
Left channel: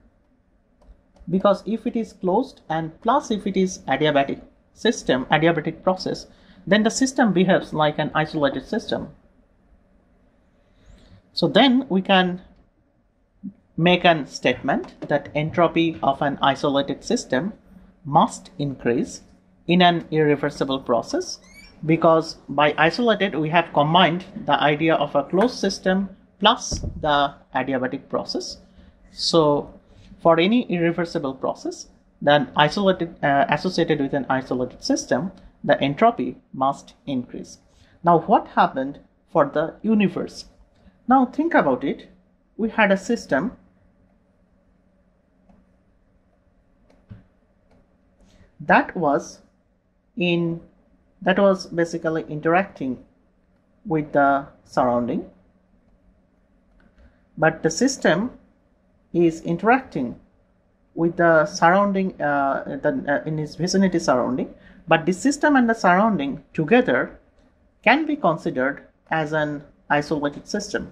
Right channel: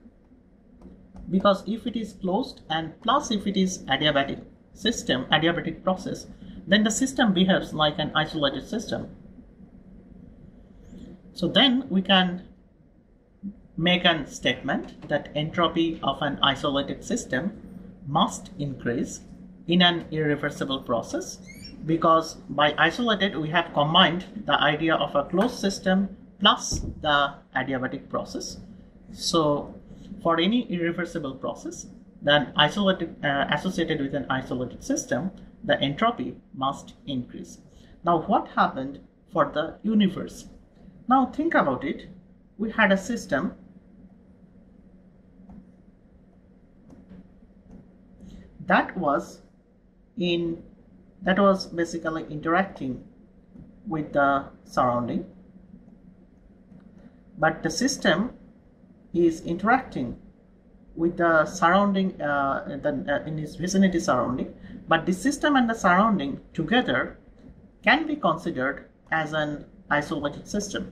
because if it is closed and plus if it is adiabatic system, adiabatic process, then the system behaves like an isolated system. So then we can make a statement that entropy of an isolated system must increase in an irreversible process, because by isolated we have combined the idea of a closed system plus the adiabatic process. So for any irreversible process, then associated with an isolated system, the entropy must increase. Now what happened for the universe? Now think about it. We had a system that was basically interacting with the surrounding, but the system is interacting with the surrounding in its vicinity surrounding, but the system and the surrounding together can be considered as an isolated system,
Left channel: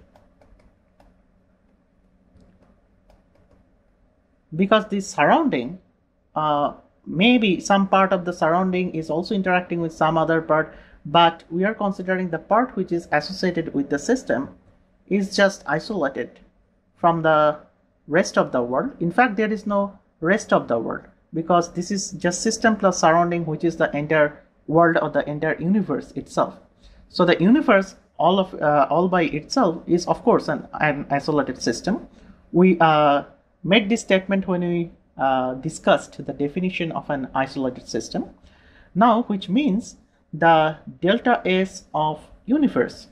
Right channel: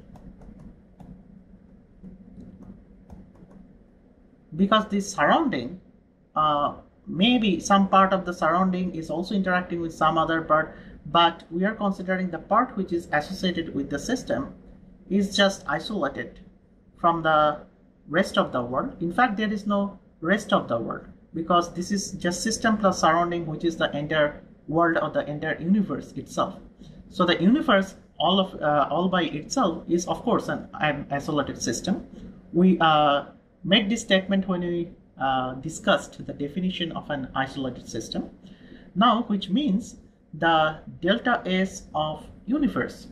because the surrounding maybe some part of the surrounding is also interacting with some other part, but we are considering the part which is associated with the system is just isolated from the rest of the world. In fact, there is no rest of the world, because this is just system plus surrounding, which is the entire world or the entire universe itself. So the universe all by itself is of course an isolated system. We made this statement when we discussed the definition of an isolated system. Now, which means the delta S of universe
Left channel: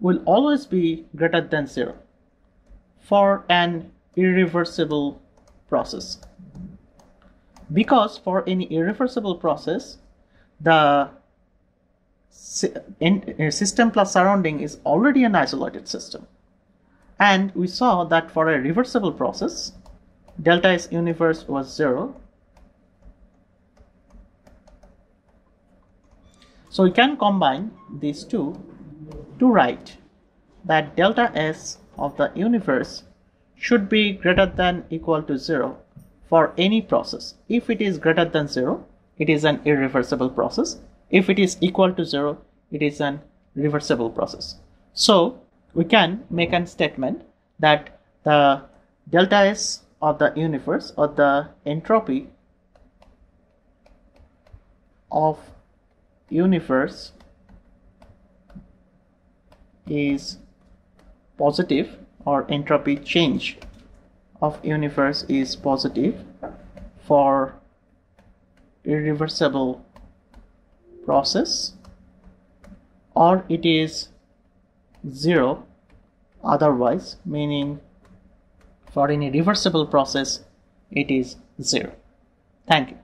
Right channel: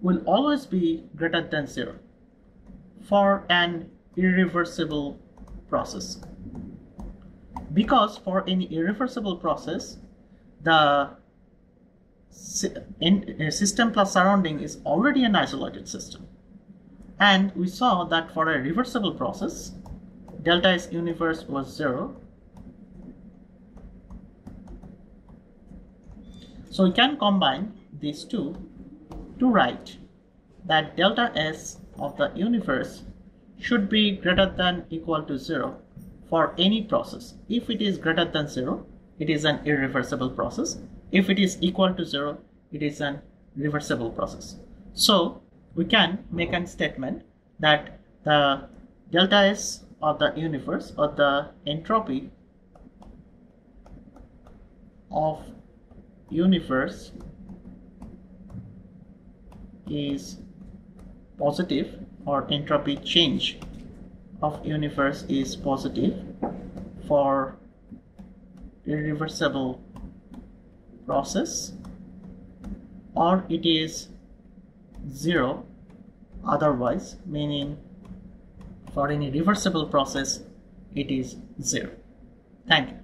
will always be greater than 0 for an irreversible process, because for any irreversible process the system plus surrounding is already an isolated system, and we saw that for a reversible process delta S universe was 0. So we can combine these two to write that delta S of the universe should be greater than equal to 0 for any process. If it is greater than 0, it is an irreversible process. If it is equal to 0, it is an reversible process. So we can make a statement that the delta S of the universe, or the entropy of universe, is positive, or entropy change of universe is positive for irreversible process, or it is 0 otherwise, meaning for any reversible process it is 0. Thank you.